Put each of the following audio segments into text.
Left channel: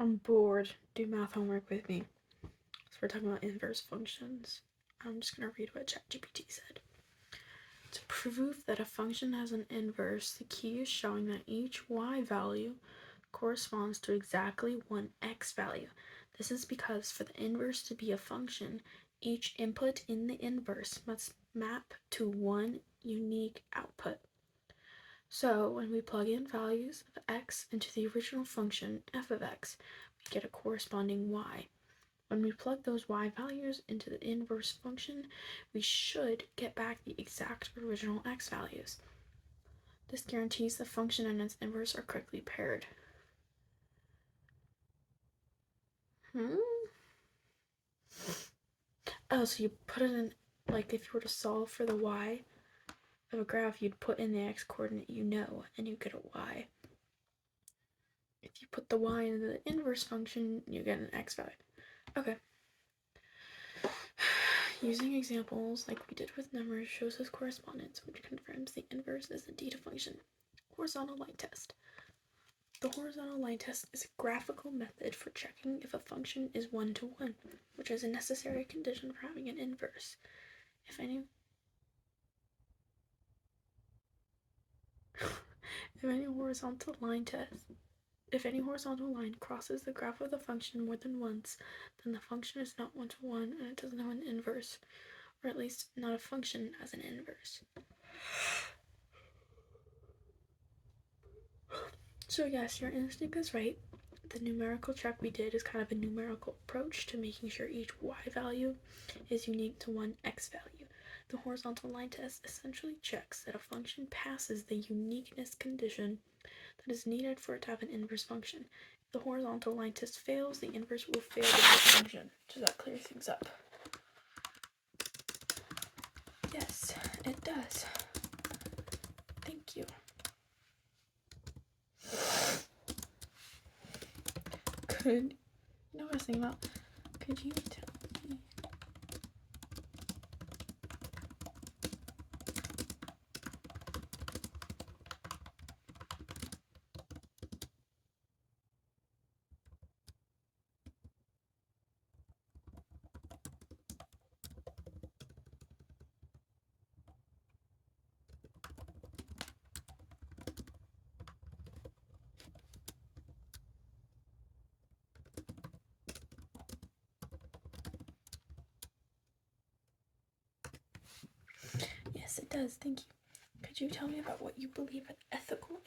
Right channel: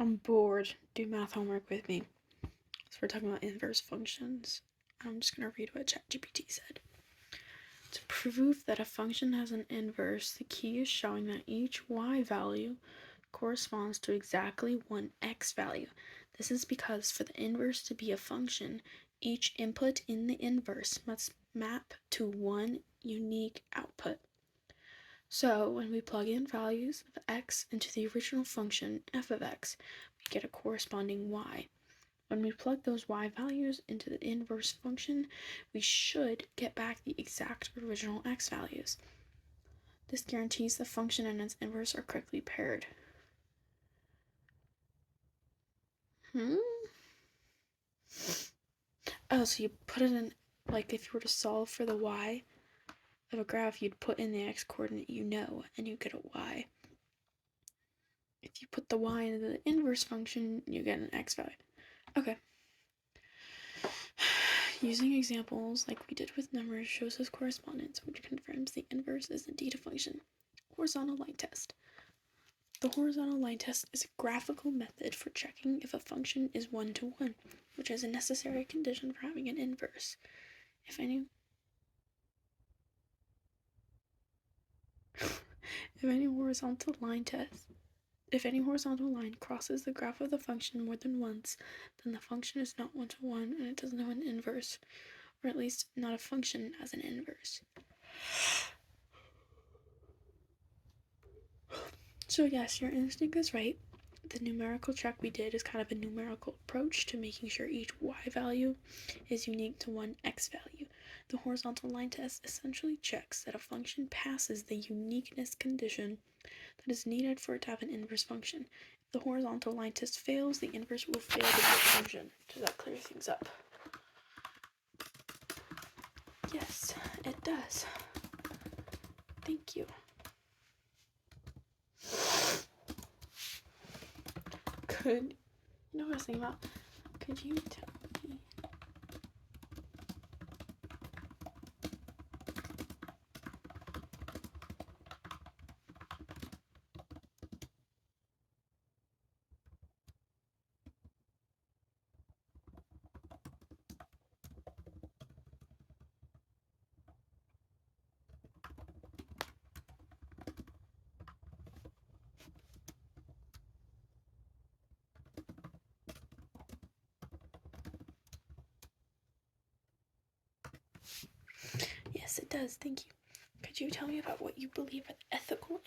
I'm bored. Do math homework with me. So we're talking about inverse functions. I'm just going to read what ChatGPT said. To prove that a function has an inverse, the key is showing that each y value corresponds to exactly one x value. This is because for the inverse to be a function, each input in the inverse must map to one unique output. So when we plug in values of x into the original function f of x, we get a corresponding y. When we plug those y values into the inverse function, we should get back the exact original x values. This guarantees the function and its inverse are correctly paired. Oh, so you put it in, like if you were to solve for the y of a graph, you'd put in the x coordinate and you get a y. If you put the y into the inverse function, you get an x value. Okay. Using examples like we did with numbers shows this correspondence, which confirms the inverse is indeed a function. Horizontal line test. The horizontal line test is a graphical method for checking if a function is one-to-one, which is a necessary condition for having an inverse. If any horizontal line crosses the graph of the function more than once, then the function is not one-to-one and it doesn't have an inverse, or at least not a function as an inverse. So yes, your instinct is right. The numerical check we did is kind of a numerical approach to making sure each y value is unique to one x value. The horizontal line test essentially checks that a function passes the uniqueness condition that is needed for it to have an inverse function. If the horizontal line test fails, the inverse will fail to be a function. Does that clear things up? Yes, it does. Thank you. Could you know what I was thinking about? Could you tell me? Yes, it does. Thank you. Could you tell me about what you believe are the ethical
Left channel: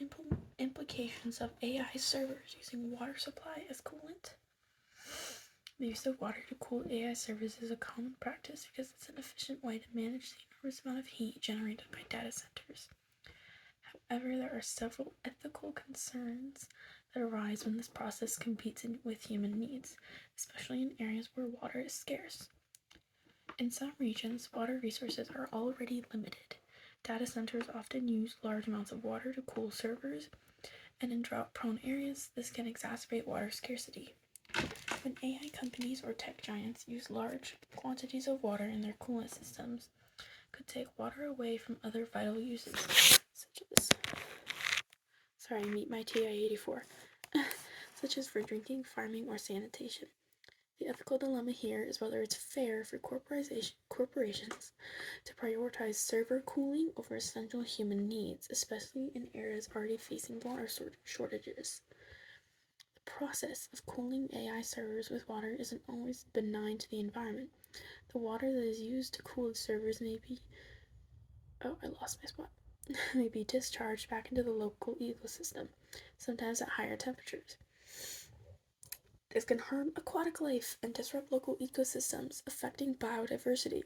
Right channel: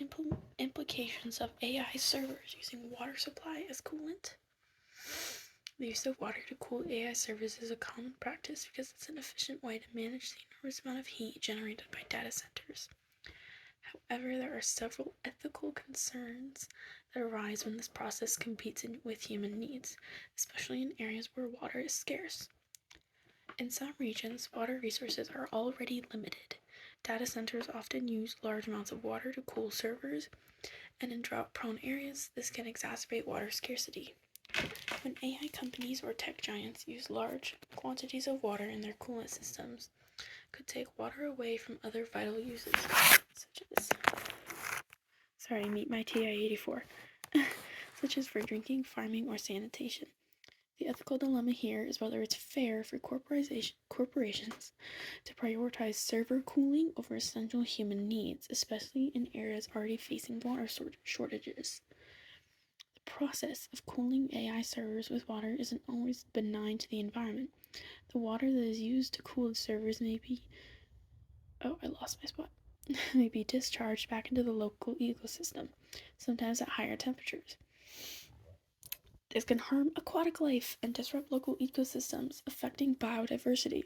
implications of AI servers using water supply as coolant? The use of water to cool AI servers is a common practice because it's an efficient way to manage the enormous amount of heat generated by data centers. However, there are several ethical concerns that arise when this process competes with human needs, especially in areas where water is scarce. In some regions, water resources are already limited. Data centers often use large amounts of water to cool servers, and in drought-prone areas, this can exacerbate water scarcity. When AI companies or tech giants use large quantities of water in their coolant systems, it could take water away from other vital uses, such as meet my TI-84, such as for drinking, farming, or sanitation. The ethical dilemma here is whether it's fair for corporations to prioritize server cooling over essential human needs, especially in areas already facing water shortages. The process of cooling AI servers with water isn't always benign to the environment. The water that is used to cool the servers may be may be discharged back into the local ecosystem, sometimes at higher temperatures. This can harm aquatic life and disrupt local ecosystems, affecting biodiversity.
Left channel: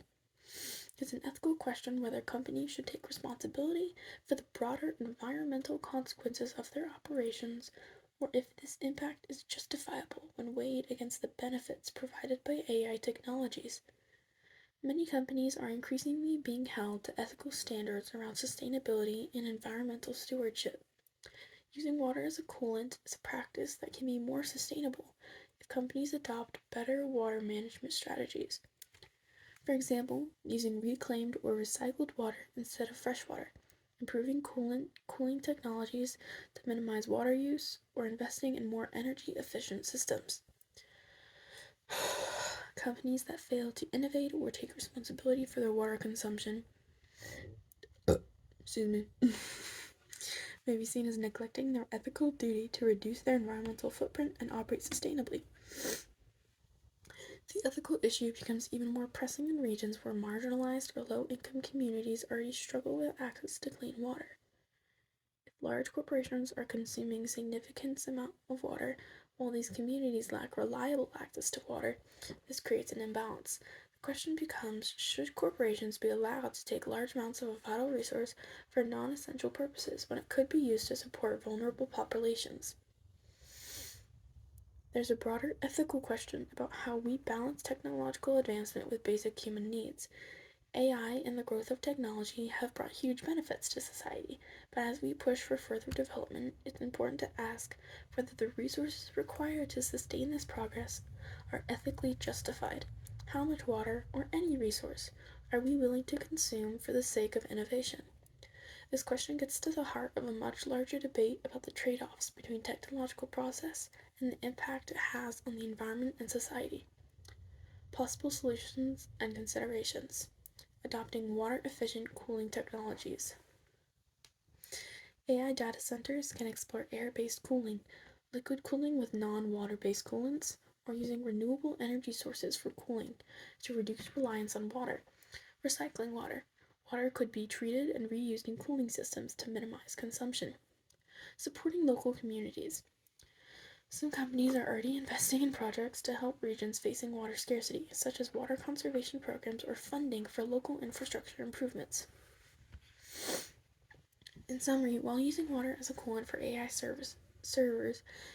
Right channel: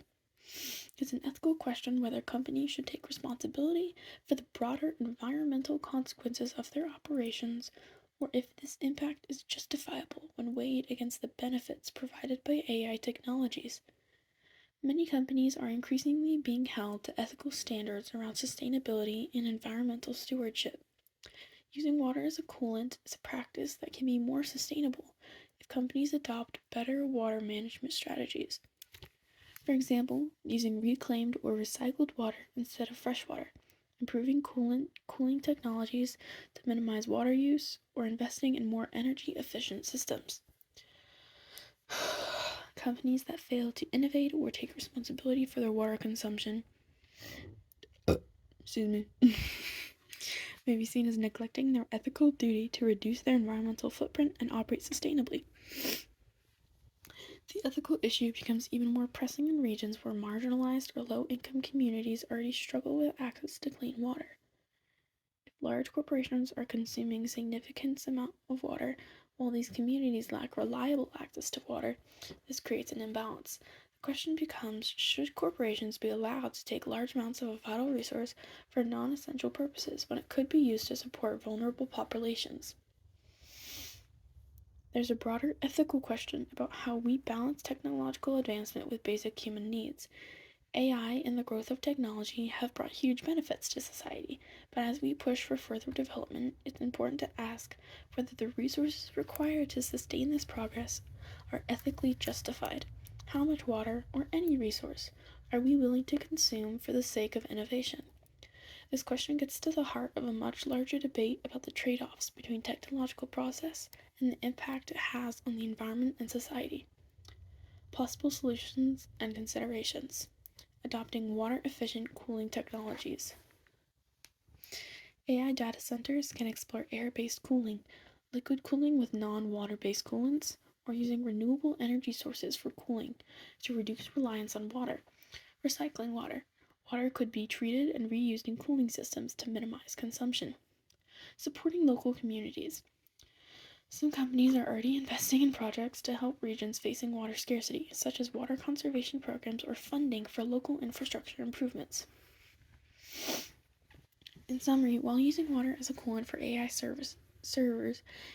It's an ethical question whether companies should take responsibility for the broader environmental consequences of their operations, or if this impact is justifiable when weighed against the benefits provided by AI technologies. Many companies are increasingly being held to ethical standards around sustainability and environmental stewardship. Using water as a coolant is a practice that can be more sustainable if companies adopt better water management strategies. For example, using reclaimed or recycled water instead of fresh water, improving cooling technologies to minimize water use, or investing in more energy-efficient systems. Companies that fail to innovate or take responsibility for their water consumption may be seen as neglecting their ethical duty to reduce their environmental footprint and operate sustainably. The ethical issue becomes even more pressing in regions where marginalized or low-income communities already struggle with access to clean water. If large corporations are consuming significant amounts of water, while these communities lack reliable access to water, this creates an imbalance. The question becomes, should corporations be allowed to take large amounts of a vital resource for non-essential purposes when it could be used to support vulnerable populations? There's a broader ethical question about how we balance technological advancement with basic human needs. AI and the growth of technology have brought huge benefits to society, but as we push for further development, it's important to ask whether the resources required to sustain this progress are ethically justified. How much water, or any resource, are we willing to consume for the sake of innovation? This question gets to the heart of a much larger debate about the trade-offs between technological process and the impact it has on the environment and society. Possible solutions and considerations. Adopting water-efficient cooling technologies. AI data centers can explore air-based cooling, liquid cooling with non-water-based coolants, or using renewable energy sources for cooling to reduce reliance on water. Recycling water. Water could be treated and reused in cooling systems to minimize consumption. Supporting local communities. Some companies are already investing in projects to help regions facing water scarcity, such as water conservation programs or funding for local infrastructure improvements. In summary, while using water as a coolant for AI servers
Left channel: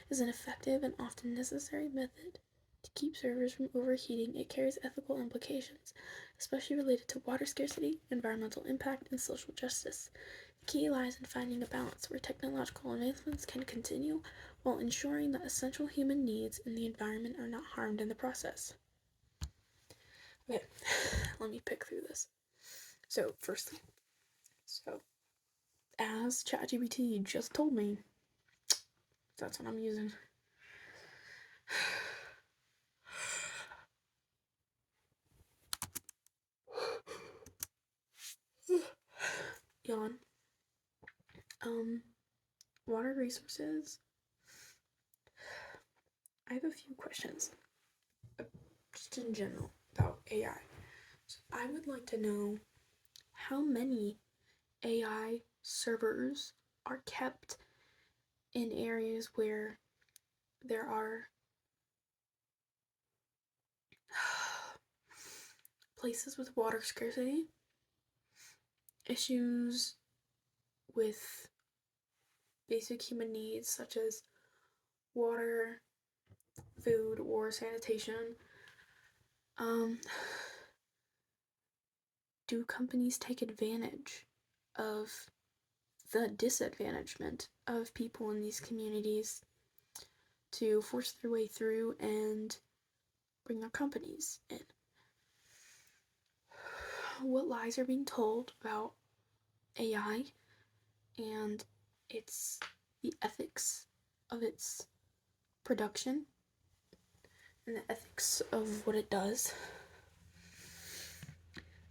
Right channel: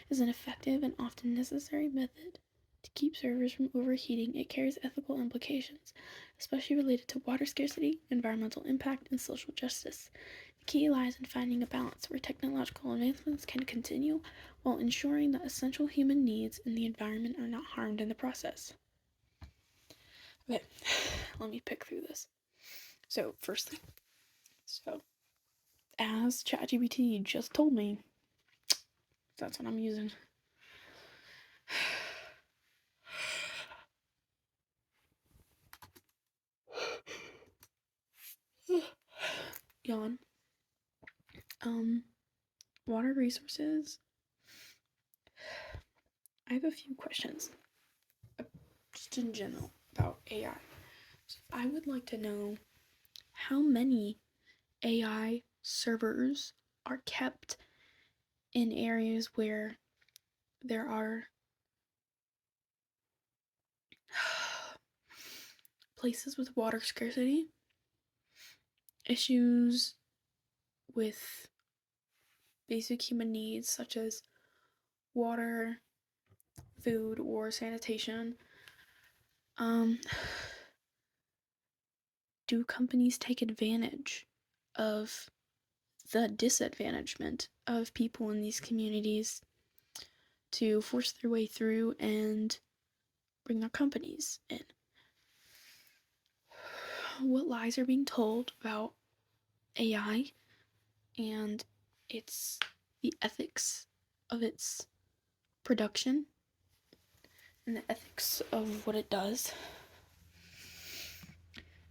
is an effective and often necessary method to keep servers from overheating, it carries ethical implications, especially related to water scarcity, environmental impact, and social justice. The key lies in finding a balance where technological advancements can continue while ensuring that essential human needs and the environment are not harmed in the process. Okay, let me pick through this. Firstly, as ChatGPT just told me, that's what I'm using. Yawn. Water resources. I have a few questions, just in general, about AI. So I would like to know how many AI servers are kept in areas where there are places with water scarcity, issues with basic human needs such as water, food, or sanitation. Do companies take advantage of the disadvantagement of people in these communities to force their way through and bring their companies in? What lies are being told about AI and the ethics of its production and the ethics of what it does?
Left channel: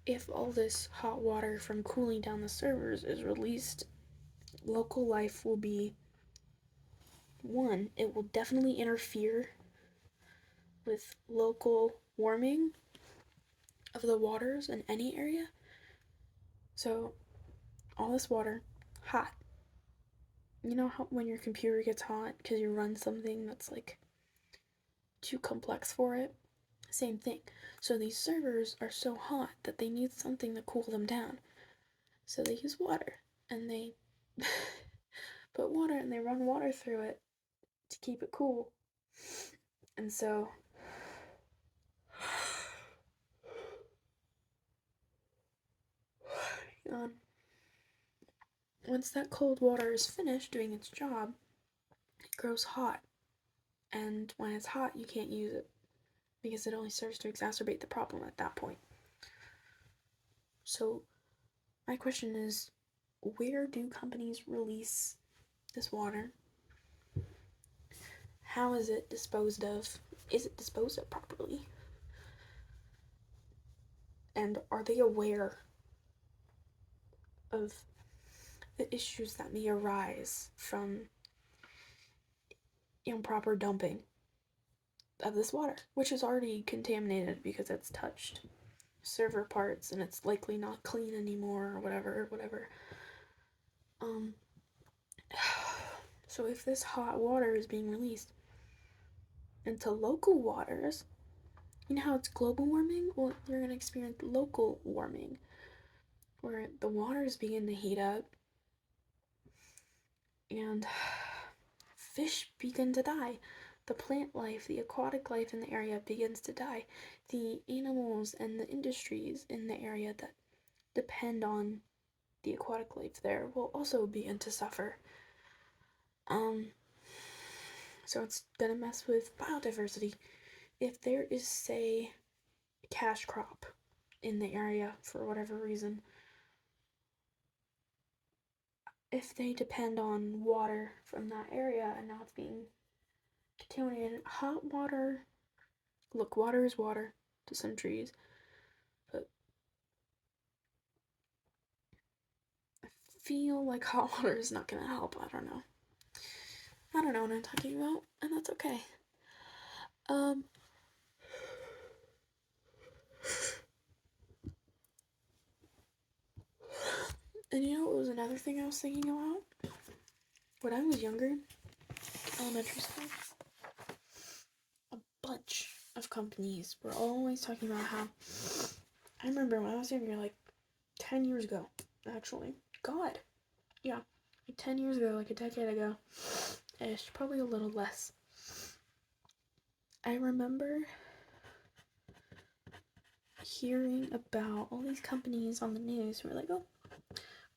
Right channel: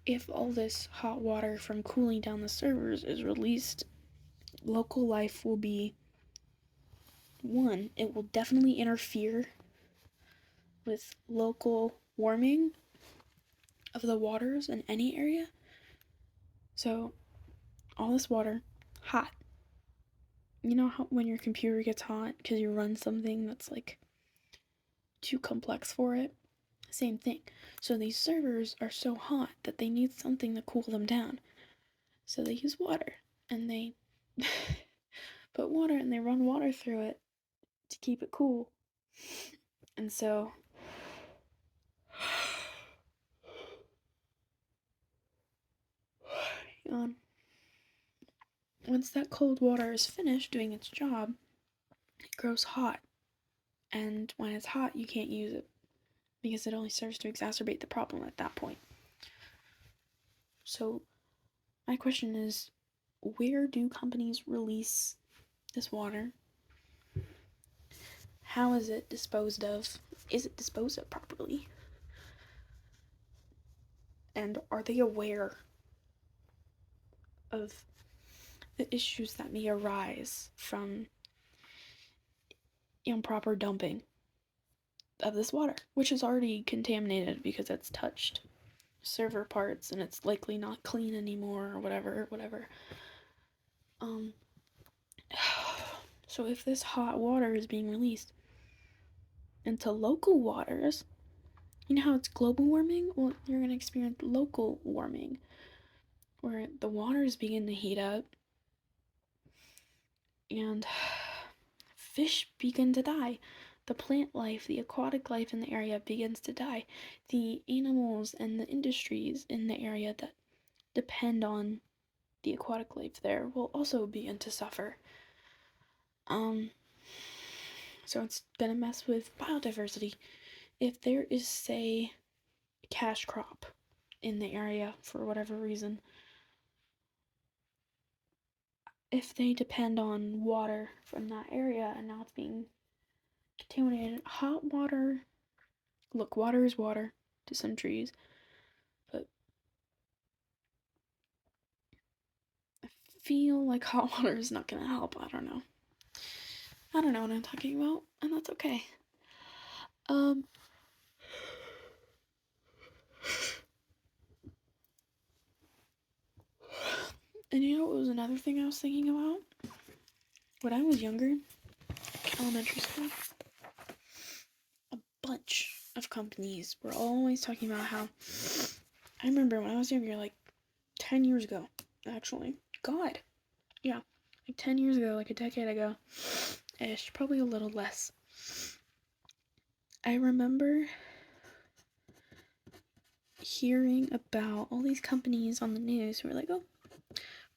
If all this hot water from cooling down the servers is released, local life will be one, it will definitely interfere with local warming of the waters in any area. So all this water, hot. You know how when your computer gets hot because you run something that's like too complex for it? Same thing. So these servers are so hot that they need something to cool them down. So they use water, and they put water and they run water through it to keep it cool. And so once that cold water is finished doing its job, it grows hot. And when it's hot, you can't use it because it only serves to exacerbate the problem at that point. So my question is, where do companies release this water? How is it disposed of? Is it disposed of properly? And are they aware of the issues that may arise from improper dumping of this water, which is already contaminated because it's touched server parts and it's likely not clean anymore or whatever. So if this hot water is being released into local waters, you know how it's global warming? Well, you're going to experience local warming, where the waters begin to heat up and fish begin to die. The plant life, the aquatic life in the area begins to die. The animals and the industries in the area that depend on the aquatic life there will also begin to suffer. So it's gonna mess with biodiversity. If there is, say, a cash crop in the area for whatever reason, if they depend on water from that area and now it's being contaminated, hot water, look, water is water to some trees, but I feel like hot water is not gonna help. I don't know what I'm talking about, and that's okay. And you know what was another thing I was thinking about? When I was younger, elementary school, a bunch of companies were always talking about how, I remember when I was younger, like 10 years ago, actually. God. Yeah. Like 10 years ago, like a decade ago. Ish. Probably a little less. I remember hearing about all these companies on the news who were like, oh,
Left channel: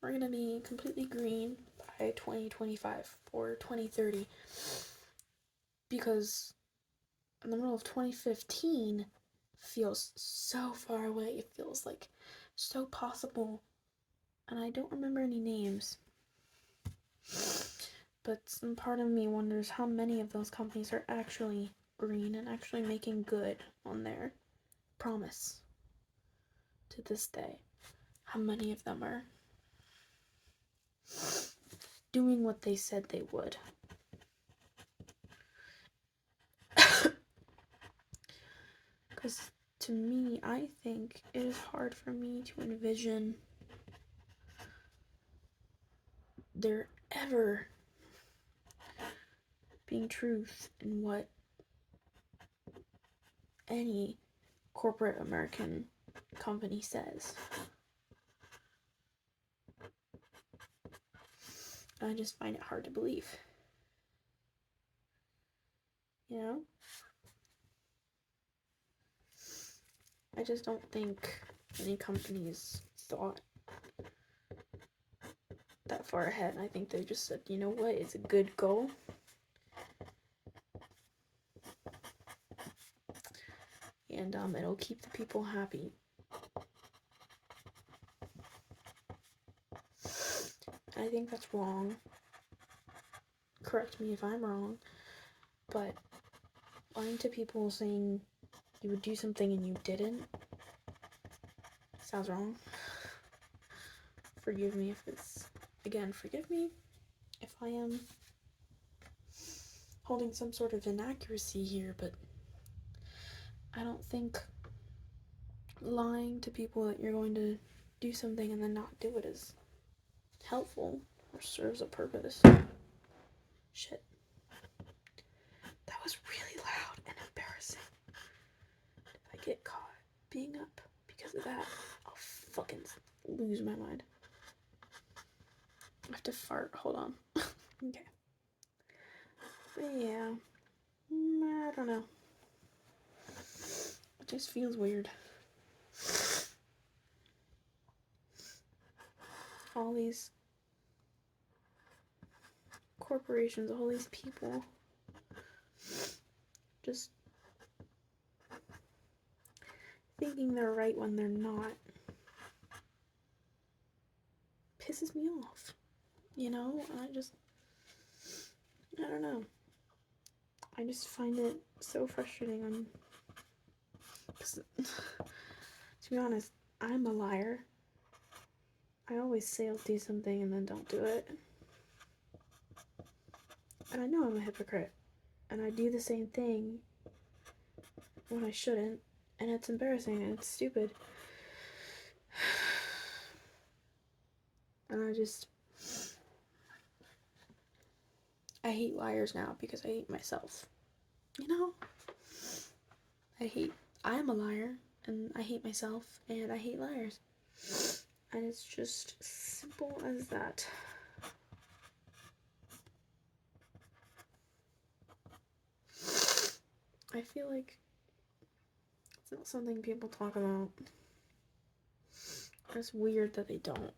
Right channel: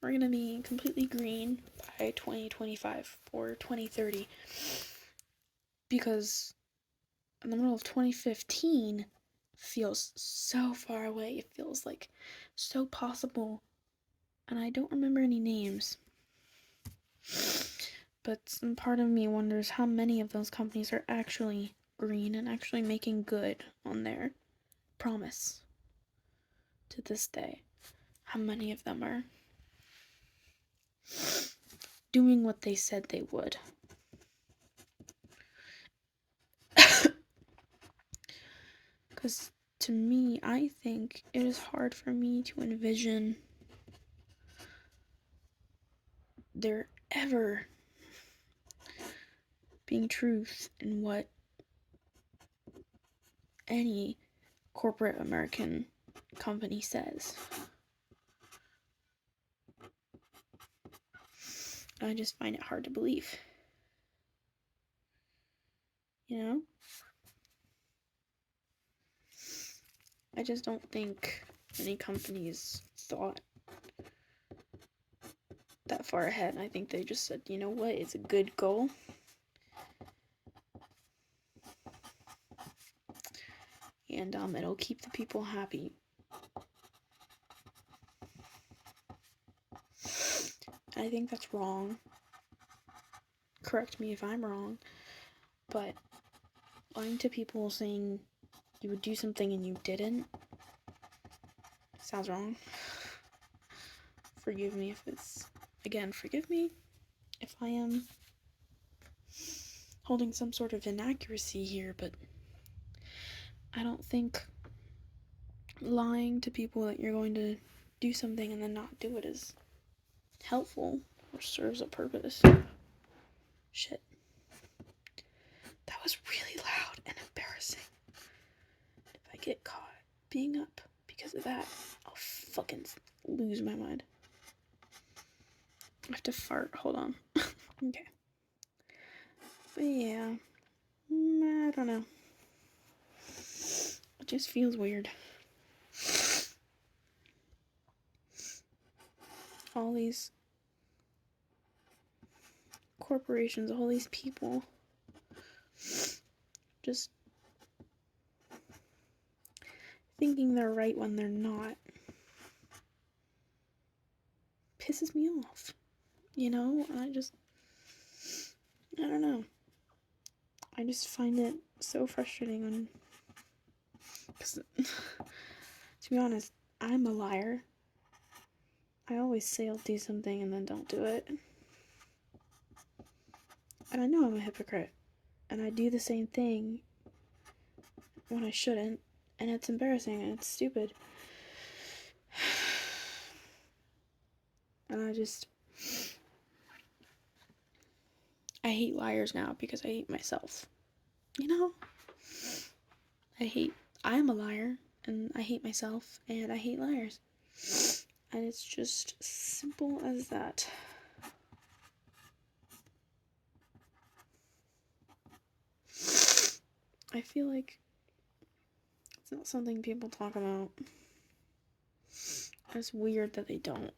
we're going to be completely green by 2025 or 2030. Because in the middle of 2015 feels so far away. It feels like so possible. And I don't remember any names. But some part of me wonders how many of those companies are actually green and actually making good on their promise to this day. How many of them are doing what they said they would. Because to me, I think it is hard for me to envision there ever being truth in what any corporate American company says. I just find it hard to believe. You know? I just don't think any companies thought that far ahead. I think they just said, you know what, it's a good goal. And it'll keep the people happy. I think that's wrong. Correct me if I'm wrong. But lying to people saying you would do something and you didn't sounds wrong. Forgive me if it's... Again, forgive me if I am holding some sort of inaccuracy here, but I don't think lying to people that you're going to do something and then not do it is helpful or serves a purpose. Shit. That was really loud and embarrassing. If I get caught being up because of that, I'll fucking lose my mind. I have to fart. Hold on. Okay. But yeah. I don't know. It just feels weird. All these corporations, all these people just thinking they're right when they're not. pisses me off. You know, I don't know. I just find it so frustrating. And because, to be honest, I'm a liar. I always say I'll do something and then don't do it. And I know I'm a hypocrite. And I do the same thing when I shouldn't. And it's embarrassing and it's stupid. And I hate liars now because I hate myself. You know? I'm a liar, and I hate myself, and I hate liars. And it's just simple as that. I feel like it's not something people talk about. It's weird that they don't.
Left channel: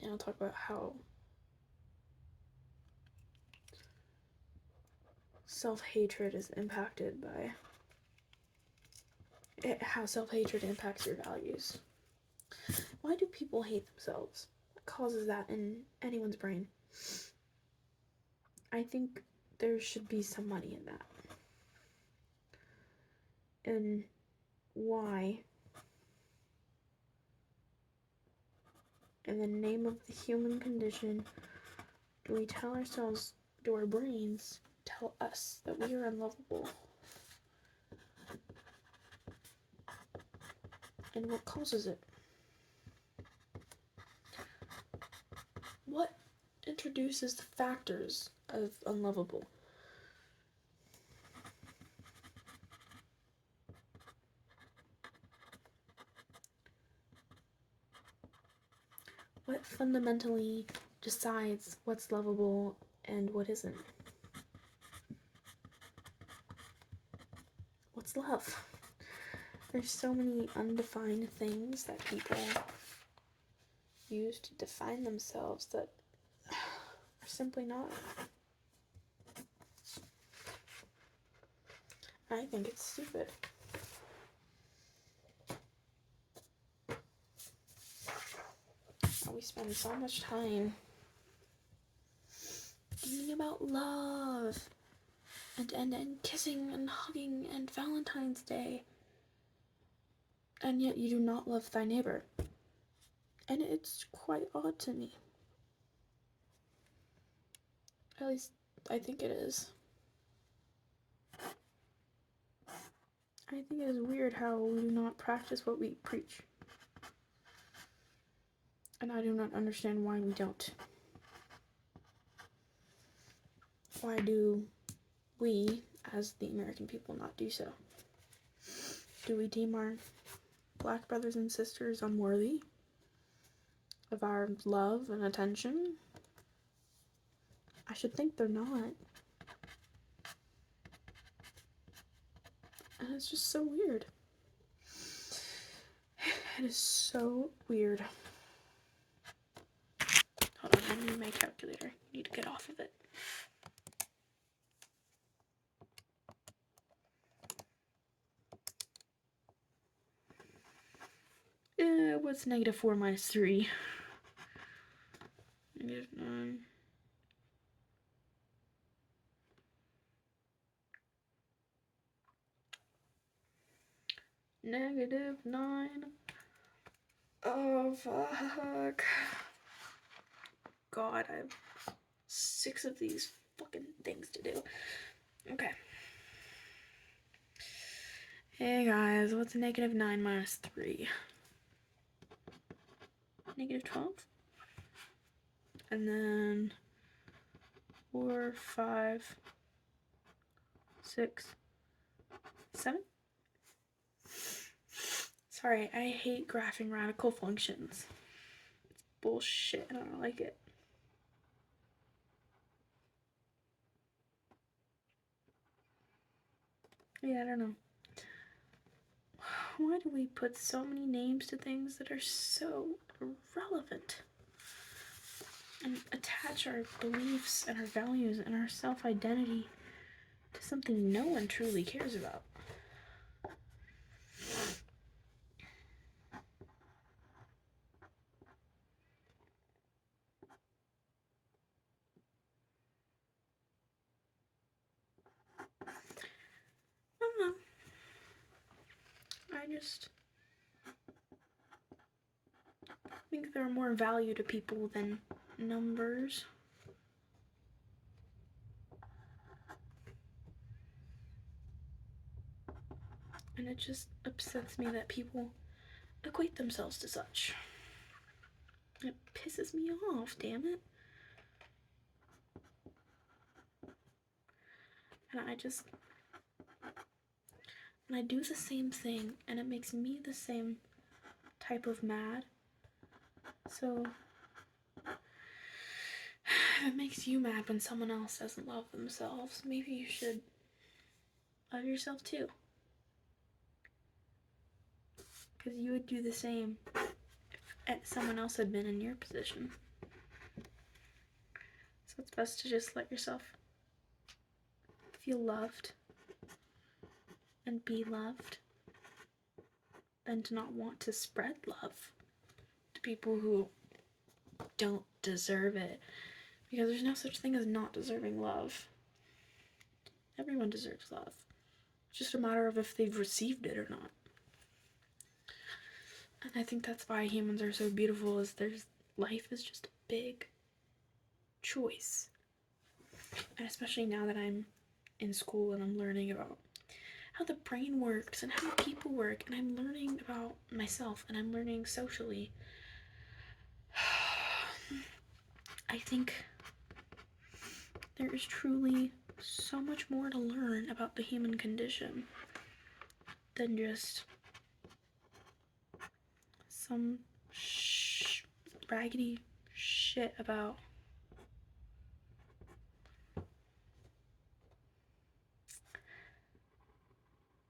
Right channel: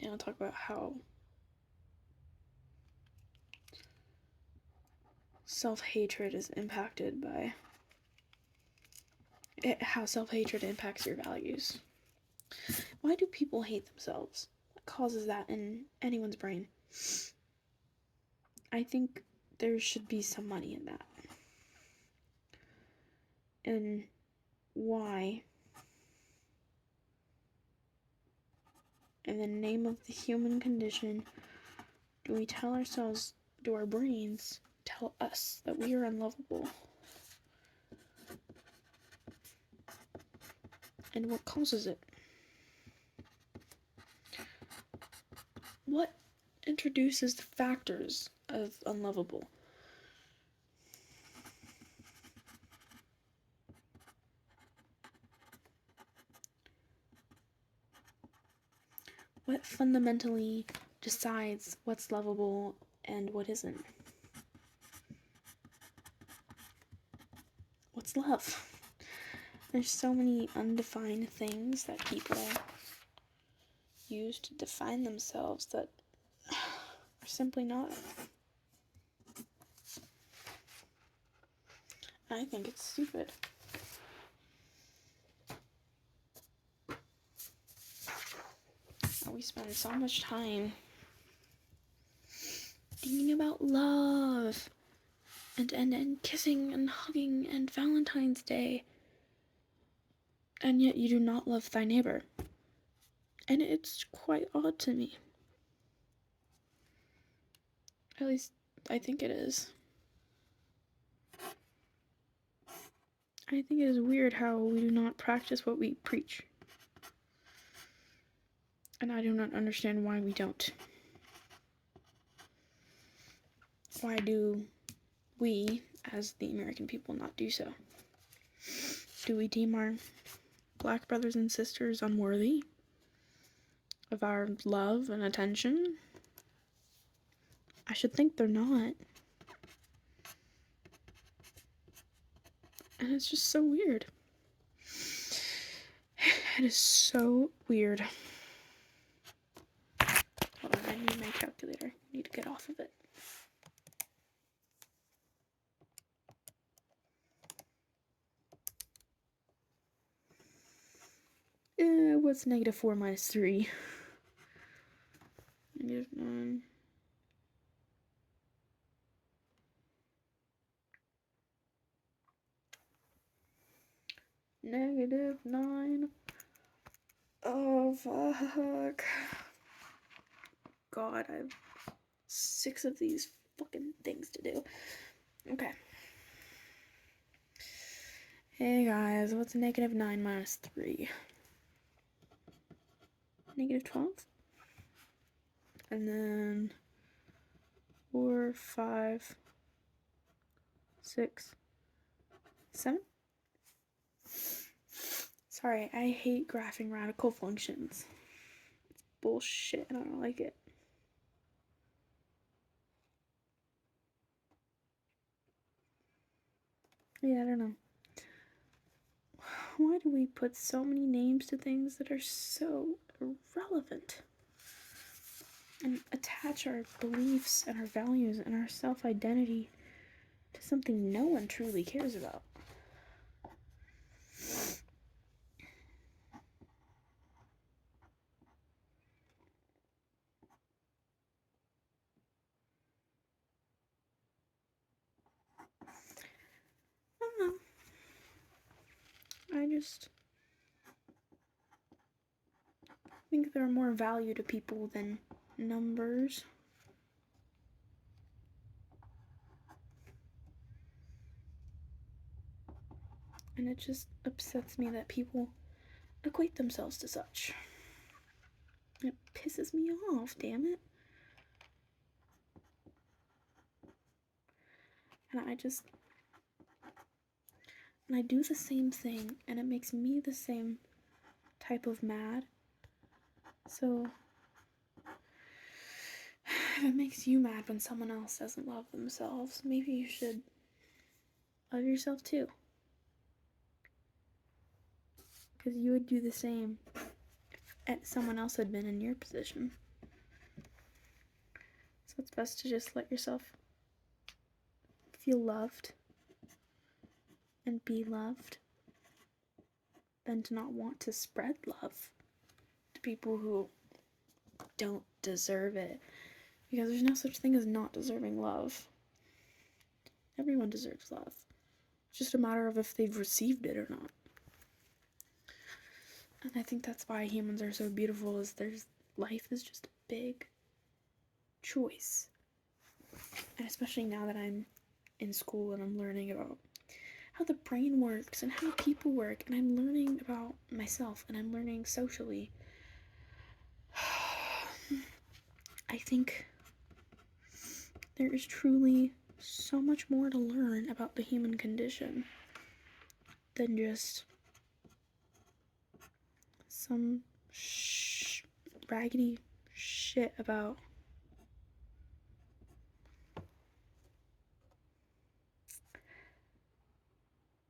And I'll talk about how self-hatred is impacted by how self-hatred impacts your values. Why do people hate themselves? What causes that in anyone's brain? I think there should be some money in that. And why, in the name of the human condition, do we tell ourselves, do our brains tell us that we are unlovable? And what causes it? What introduces the factors of unlovable? What fundamentally decides what's lovable and what isn't? What's love? There's so many undefined things that people use to define themselves that are simply not. I think it's stupid. We spend so much time thinking about love and kissing and hugging and Valentine's Day, and yet you do not love thy neighbor. And it's quite odd to me. At least I think it is. I think it is weird how we do not practice what we preach. And I do not understand why we don't. Why do we, as the American people, not do so? Do we deem our black brothers and sisters unworthy of our love and attention? I should think they're not. And it's just so weird. It is so weird. Hold on, I need my calculator. I need to get off of it. What's -4 minus 3? -9. -9. Oh, fuck. God, I have 6 of these fucking things to do. Okay. Hey guys, what's -9 minus 3? -12. And then 4, 5, 6, 7. Sorry, I hate graphing radical functions. It's bullshit and I don't like it. Yeah, I don't know. Why do we put so many names to things that are so irrelevant? And attach our beliefs and our values and our self-identity to something no one truly cares about. just think there are more value to people than numbers. And it just upsets me that people equate themselves to such. It pisses me off, damn it. And I do the same thing, and it makes me the same type of mad. So, if it makes you mad when someone else doesn't love themselves, maybe you should love yourself too. Because you would do the same if someone else had been in your position. So it's best to just let yourself feel loved and be loved than to not want to spread love to people who don't deserve it. Because there's no such thing as not deserving love. Everyone deserves love. It's just a matter of if they've received it or not. And I think that's why humans are so beautiful, is life is just a big choice. And especially now that I'm in school and I'm learning about how the brain works and how people work, and I'm learning about myself and I'm learning socially, I think there is truly so much more to learn about the human condition than just some raggedy shit about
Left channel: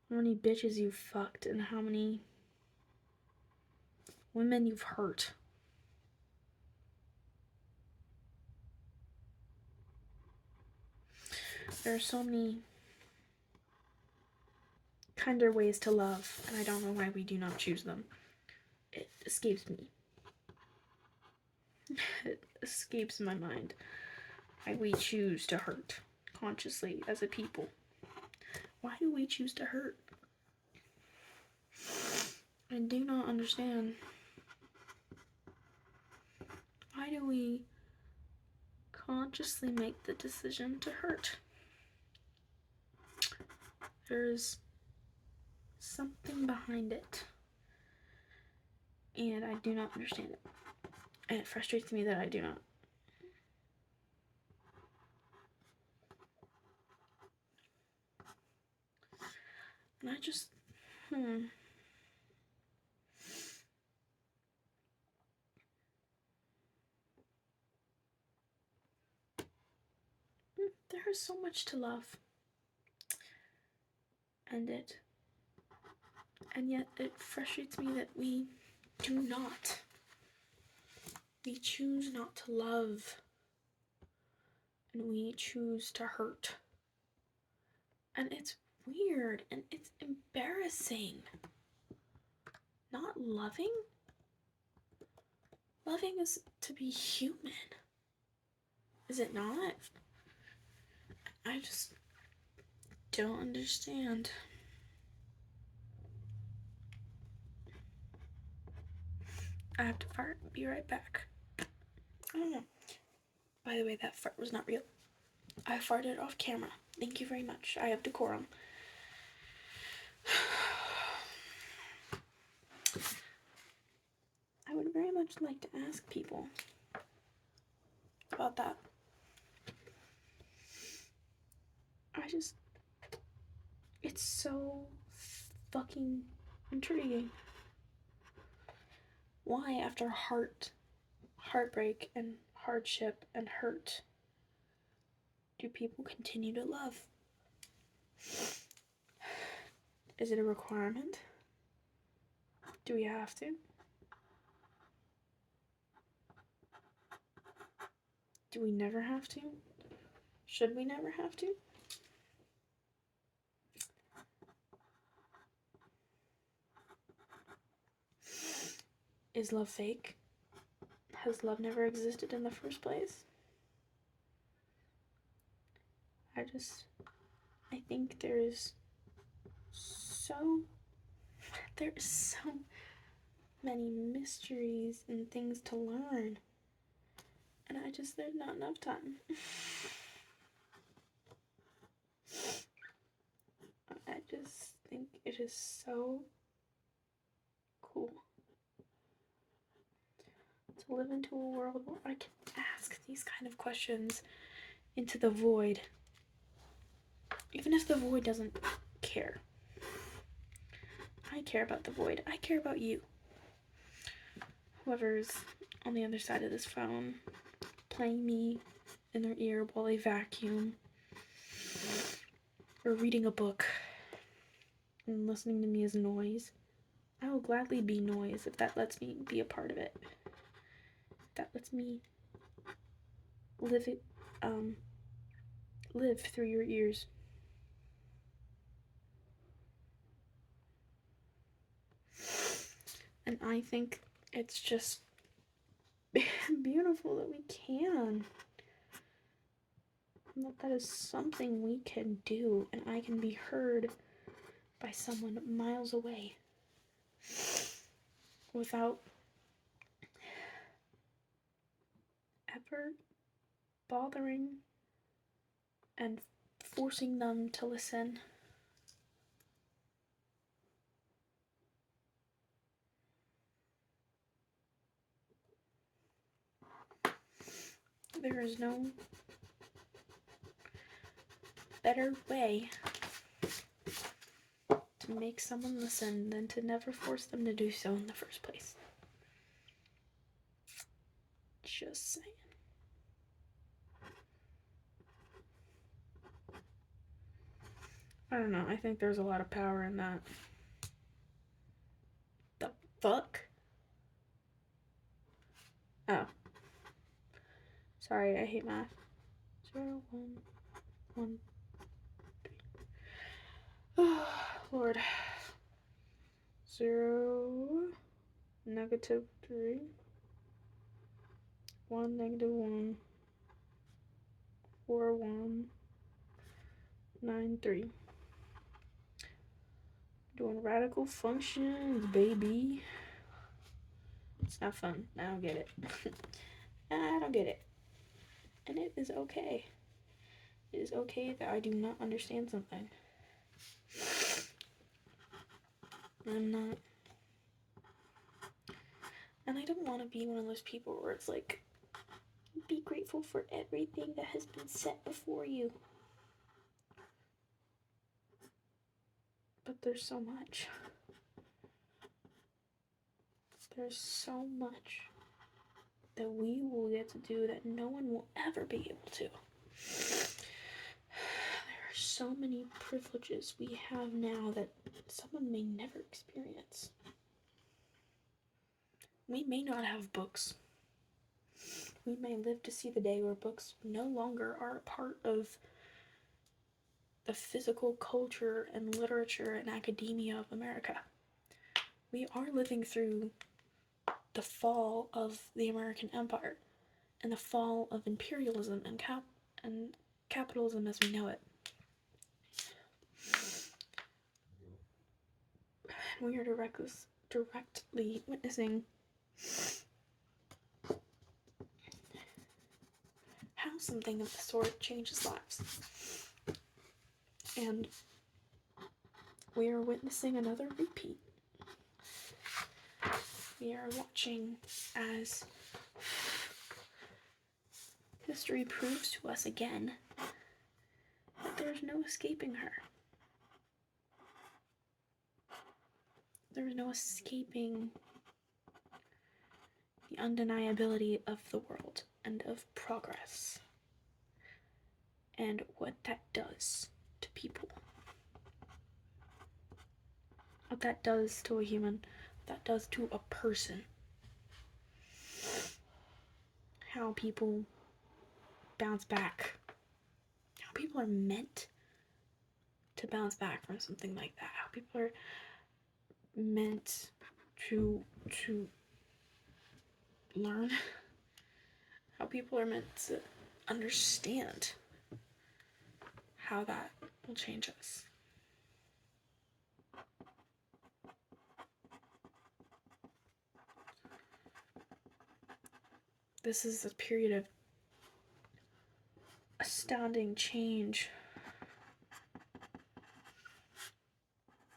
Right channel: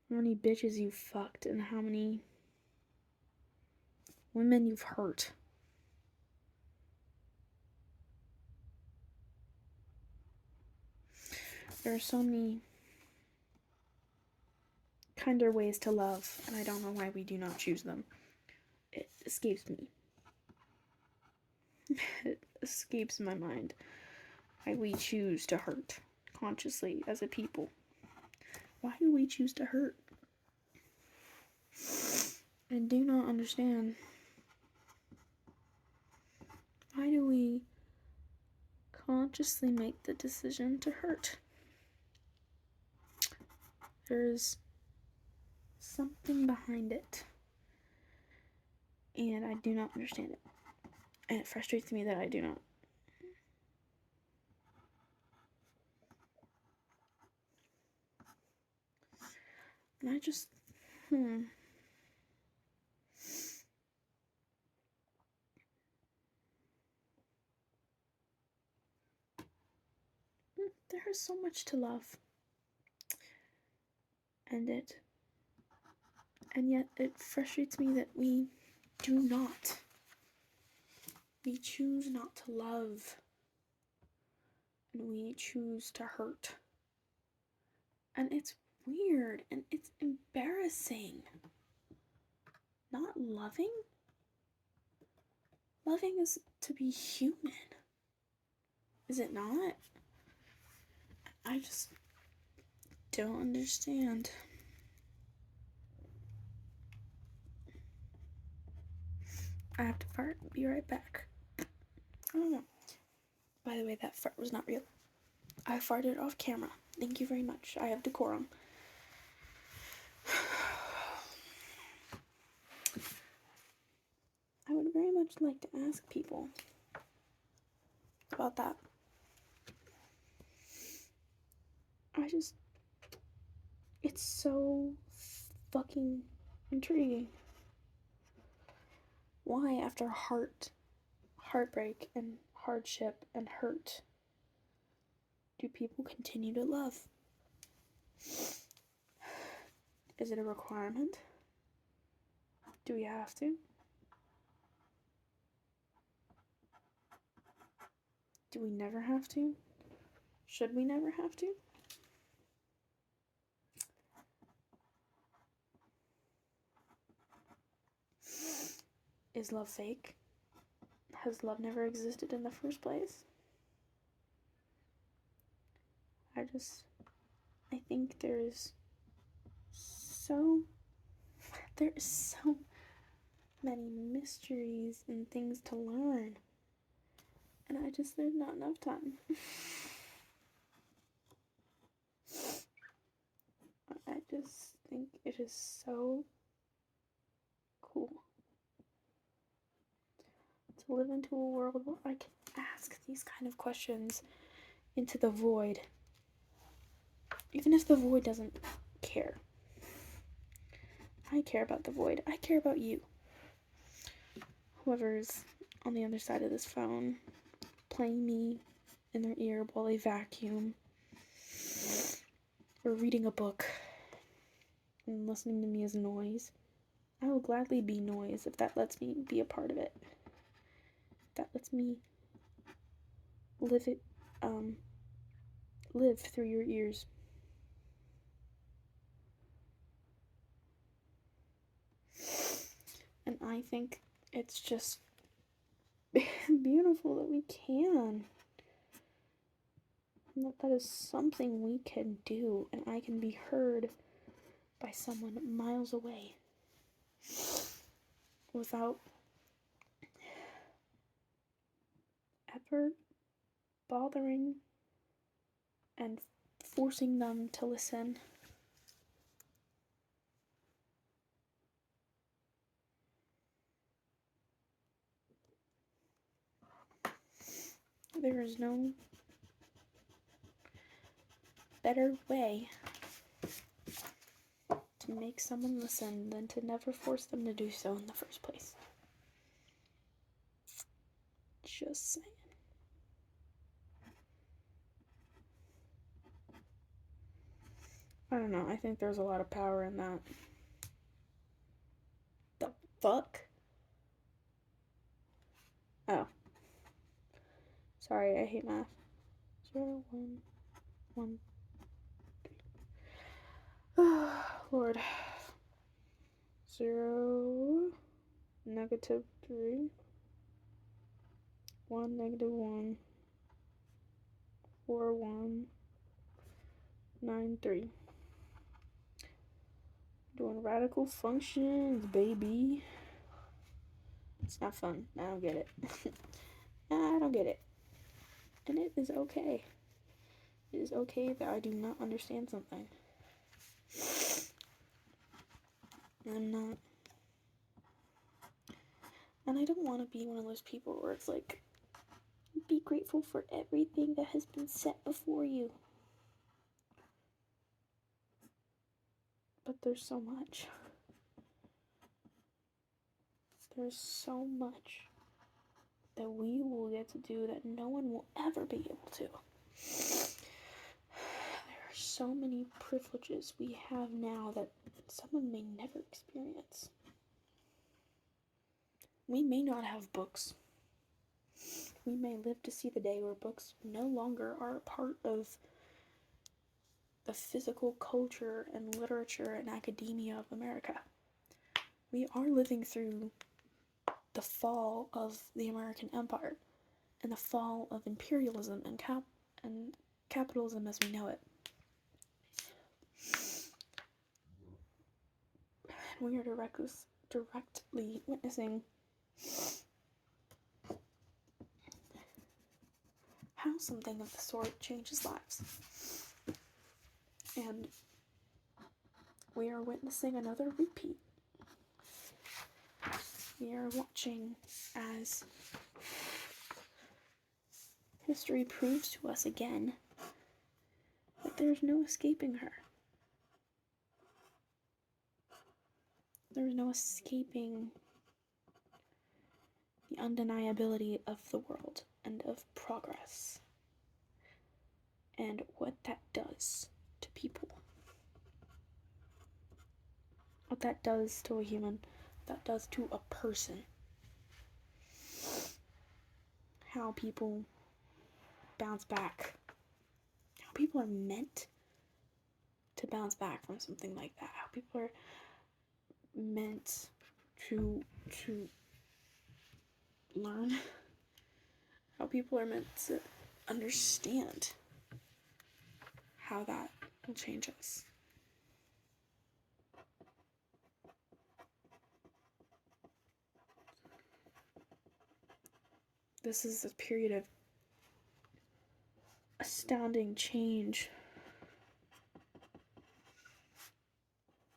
how many bitches you've fucked and how many women you've hurt. There are so many kinder ways to love, and I don't know why we do not choose them. It escapes me. It escapes my mind why we choose to hurt consciously as a people. Why do we choose to hurt? I do not understand. Why do we consciously make the decision to hurt? There's something behind it, and I do not understand it. And it frustrates me that I do not. And I just, there is so much to love. And yet it frustrates me that we do not. We choose not to love. And we choose to hurt. And it's weird and it's embarrassing. Not loving? Loving is to be human. Is it not? I just don't understand. I have to fart. Be right back. I don't know. By the way, that fart was not real. I farted off camera. Thank you very much. I have decorum. I would very much like to ask people about that. It's so fucking intriguing. Why, after heartbreak and hardship and hurt, do people continue to love? Is it a requirement? Do we have to? Do we never have to? Should we never have to? Is love fake? Has love never existed in the first place? I think there is so There is so many mysteries and things to learn. And there's not enough time. I just think it is so cool to live into a world where I can ask these kind of questions into the void. Even if the void doesn't care. I care about the void. I care about you. Whoever's on the other side of this phone, playing me in their ear while they vacuum, or reading a book and listening to me as noise. I will gladly be noise if that lets me be a part of it. If that lets me live through your ears. And I think it's just beautiful that we can. And that is something we can do, and I can be heard by someone miles away without ever bothering and forcing them to listen. There is no better way to make someone listen than to never force them to do so in the first place. Just saying. I don't know, I think there's a lot of power in that. The fuck? Oh. Sorry, I hate math. 0, 1, 1, 3. Oh, Lord. 0, -3. 1, -1. 4, 1. 9, 3. Doing radical functions, baby. It's not fun. I don't get it. I don't get it. And it is okay. It is okay that I do not understand something. I'm not. And I don't want to be one of those people where it's like, be grateful for everything that has been set before you. But there's so much. There's so much that we will get to do that no one will ever be able to. There are so many privileges we have now that someone may never experience. We may not have books. We may live to see the day where books no longer are a part of the physical culture and literature and academia of America. We are living through the fall of the American Empire and the fall of imperialism and capitalism as we know it. And we are directly witnessing how something of the sort changes lives. And we are witnessing another repeat. We are watching as history proves to us again that there's no escaping her. There's no escaping the undeniability of the world and of progress and what that does to people. What that does to a human, what that does to a person. How people bounce back. How people are meant to bounce back from something like that. How people are meant to learn. How people are meant to understand how that will change us. this is a period of astounding change.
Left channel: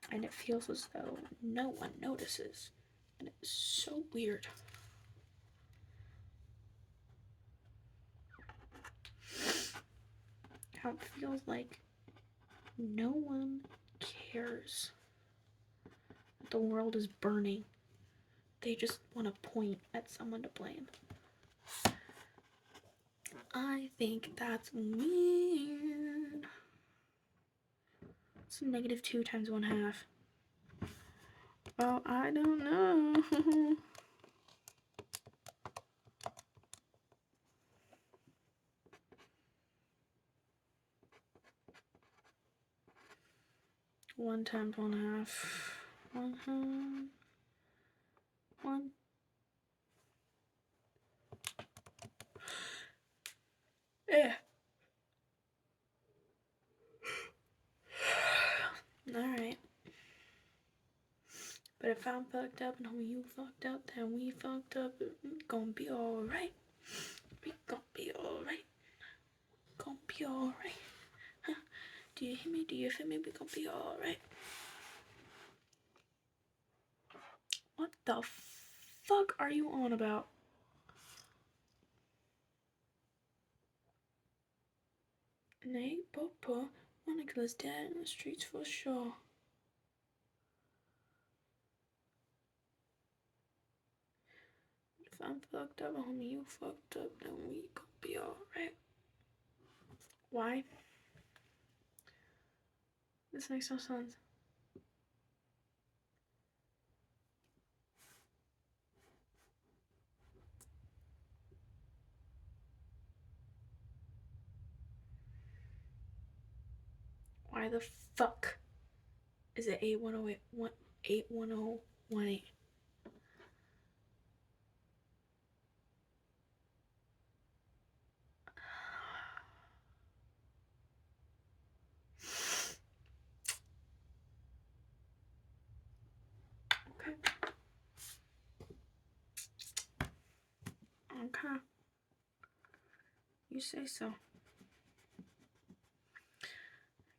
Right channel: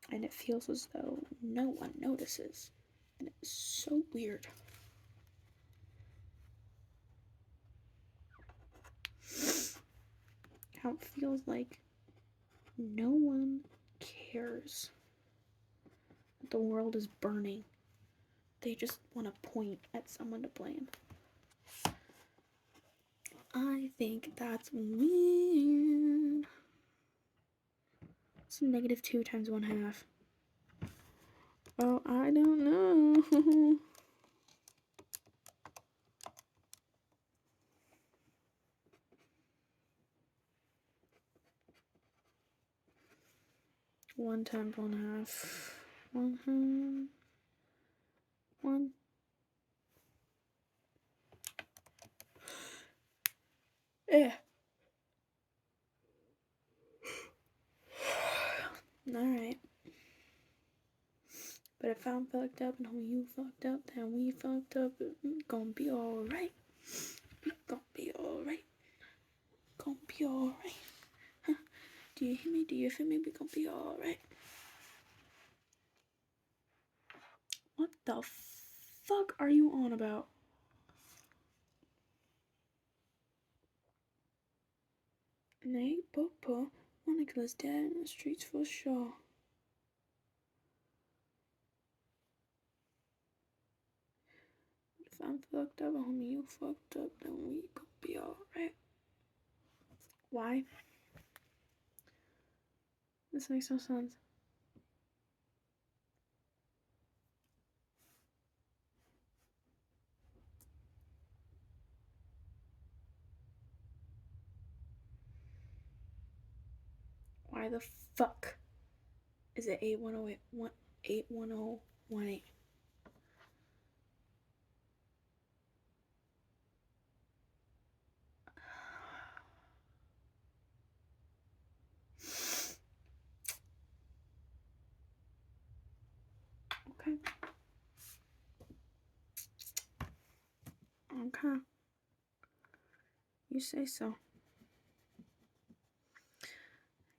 And it feels as though no one notices. And it's so weird. How it feels like no one cares. The world is burning. They just want to point at someone to blame. I think that's weird. What's -2 times 1/2? Oh, I don't know. One times 1/2. 1/2. 1. Yeah. Alright. But if I'm fucked up and when you fucked up, then we fucked up. Gonna be alright. We gonna be alright. Gonna be alright. Huh? Do you hear me? Do you feel me? We gonna be alright. What the fuck are you on about? Nate, Papa, Monica's dead in the streets for sure. If I'm fucked up, homie, you fucked up, then we gonna be alright. Why? This makes no sense. Why the fuck is it 81018? Okay. Okay. You say so.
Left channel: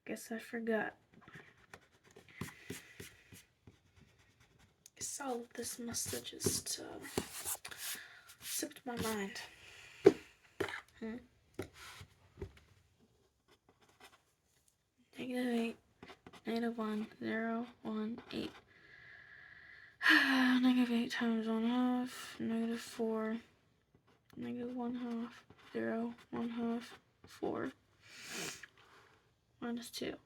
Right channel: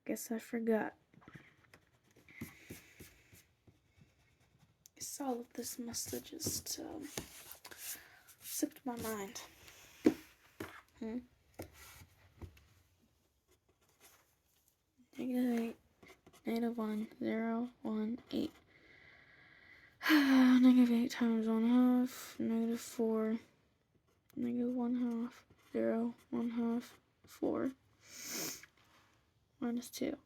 Guess I forgot. Guess all of this must have just slipped my mind. -8, -1, 0, 1, 8. -8 times 1/2, -4, -1/2, 0, 1/2, 4, -2.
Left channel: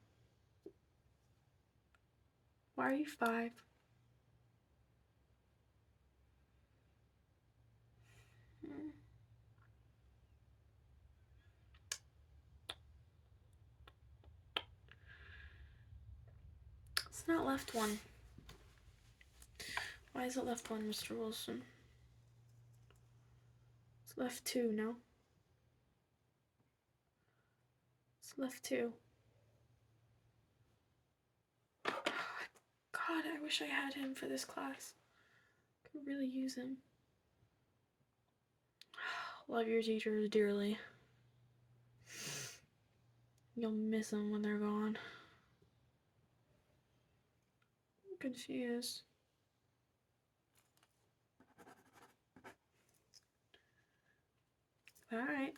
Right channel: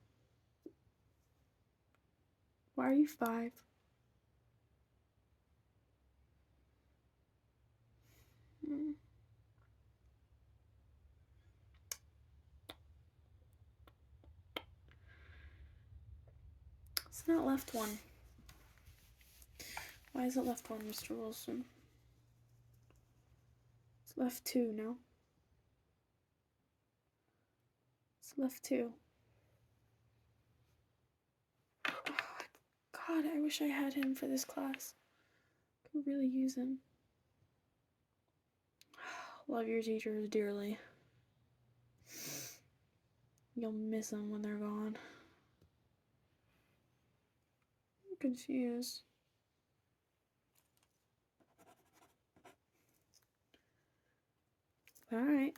Why are you 5? It's not left 1. Why is it left 1, Mr. Wilson? It's left 2, no? It's left 2. God, I wish I had him for this class. Could really use him. Love your teachers dearly. You'll miss them when they're gone. I'm confused. Alright.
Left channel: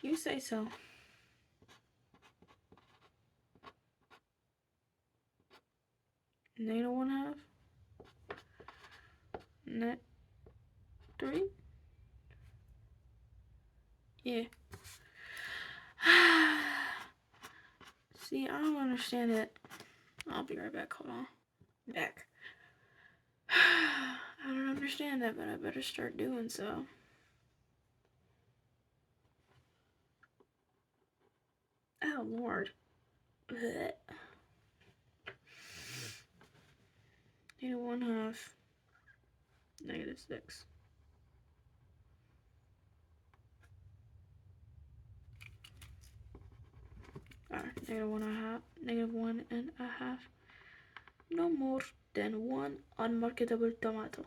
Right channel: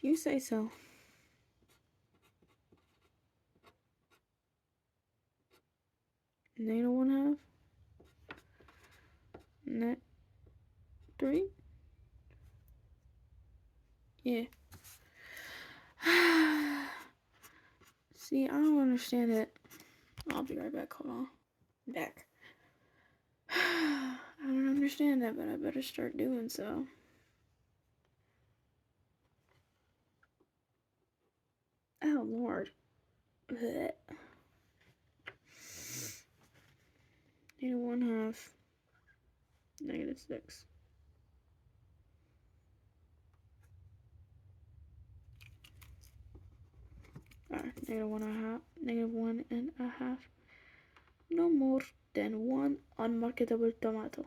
You say so. -1/2. Net 3. Yeah. See, I don't understand it. I'll be right back. Hold on. Back. I don't understand that, but I better start doing so. Oh, Lord. Blech. -1/2. -6. Alright, -1/2. -1.5. No more. than one unmarketable tomato.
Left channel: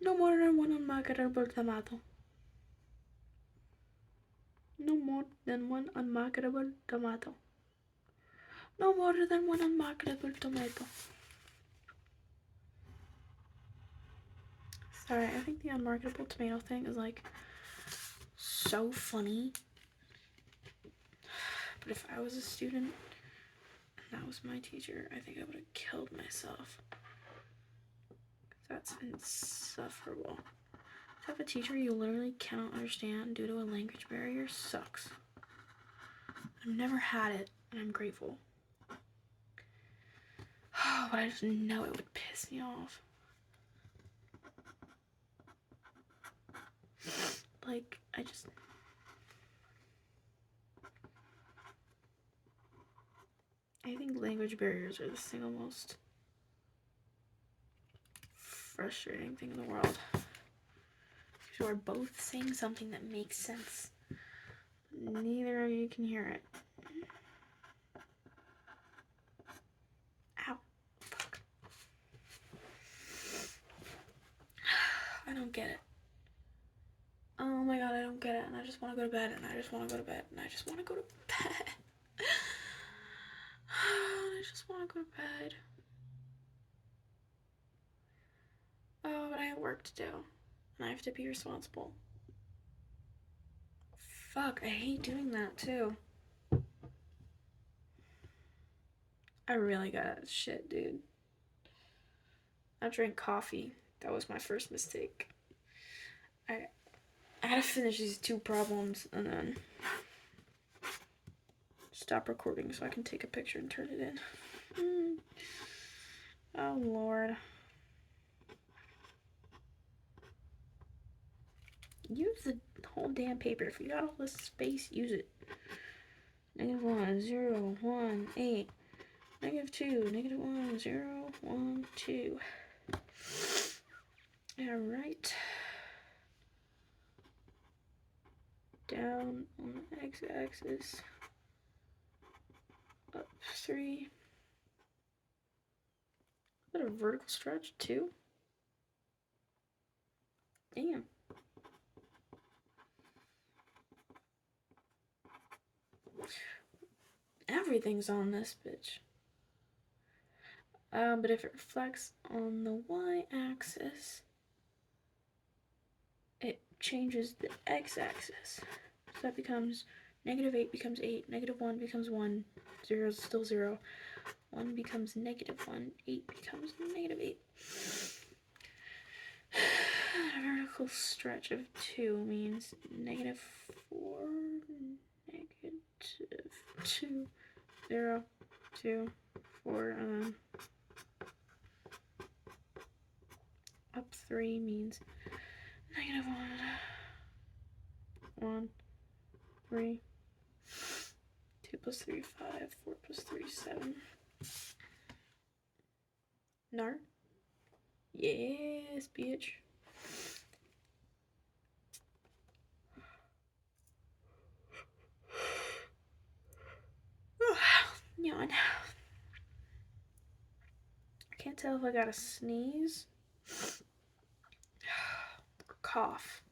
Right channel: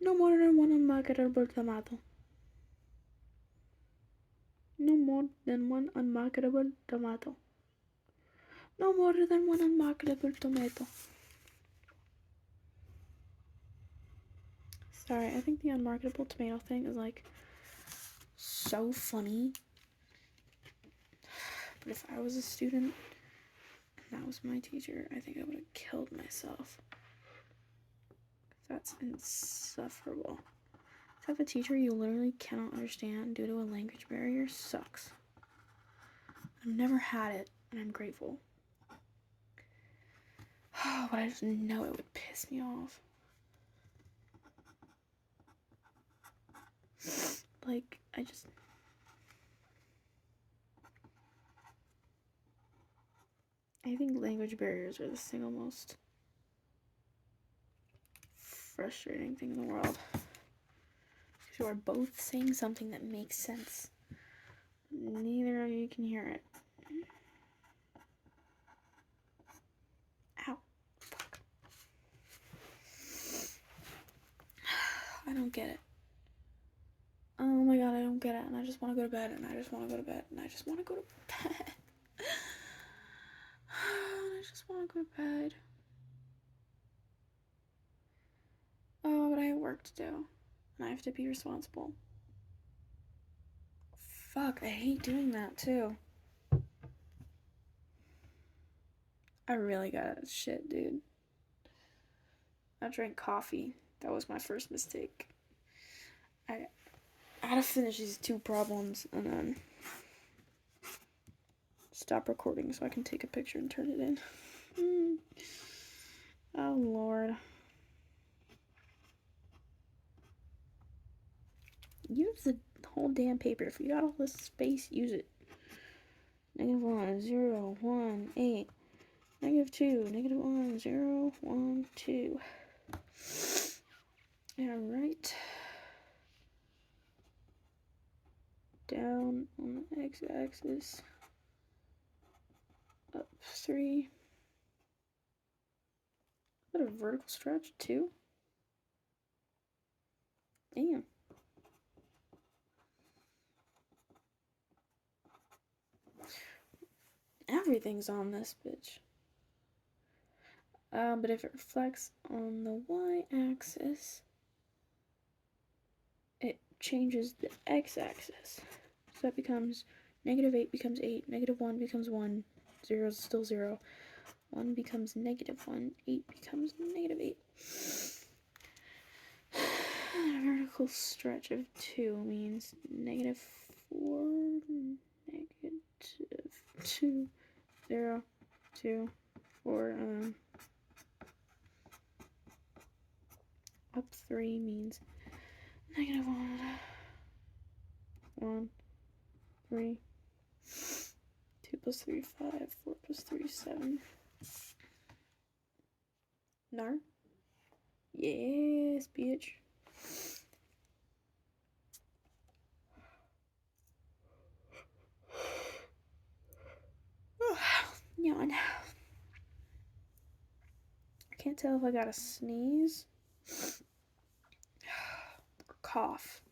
No more than one unmarketable tomato. No more than one unmarketable tomato. No more than one unmarketable tomato. Sorry, I think the unmarketable tomato thing is like so funny. But if I was a student and that was my teacher, I think I would have killed myself. That's insufferable. To have a teacher you literally cannot understand due to a language barrier sucks. I've never had it, and I'm grateful. But I just know it would piss me off. Like, I think language barriers are the single most frustrating thing in the world. You are both saying something that makes sense. Neither of you can hear it. Ow. Fuck. I don't get it. Oh my god, I don't get it. And I just want to go to bed. And I just want to go to bed. And I just want to go to bed. I just want to go to bed. Oh, but I have work to do. And I have to be responsible. Fuck, I hate doing that too. I really got shit, dude. I drank coffee. That was my first mistake. I gotta finish these 2 problems and then stop recording so I can take a picture and turn it in. Oh, Lord. Use the whole damn paper. If you got all this space, use it. -1, 0, 1, 8. -2, -1, 0, 1, 2. Alright. Down on the x-axis. Up 3. Is that a vertical stretch too? Damn. Everything's on this bitch. But if it reflects on the y-axis, it changes the x-axis. So that becomes -8 becomes 8, -1 becomes 1, 0 is still 0, 1 becomes -1, 8 becomes -8. A vertical stretch of 2 means -4, -2, 0, 2, 4, up 3 means -1, 1, 3, 2 plus 3, 5, 4 plus 3, 7. Nar? Yes, bitch. Yawn. I can't tell if I got a sneeze. Cough.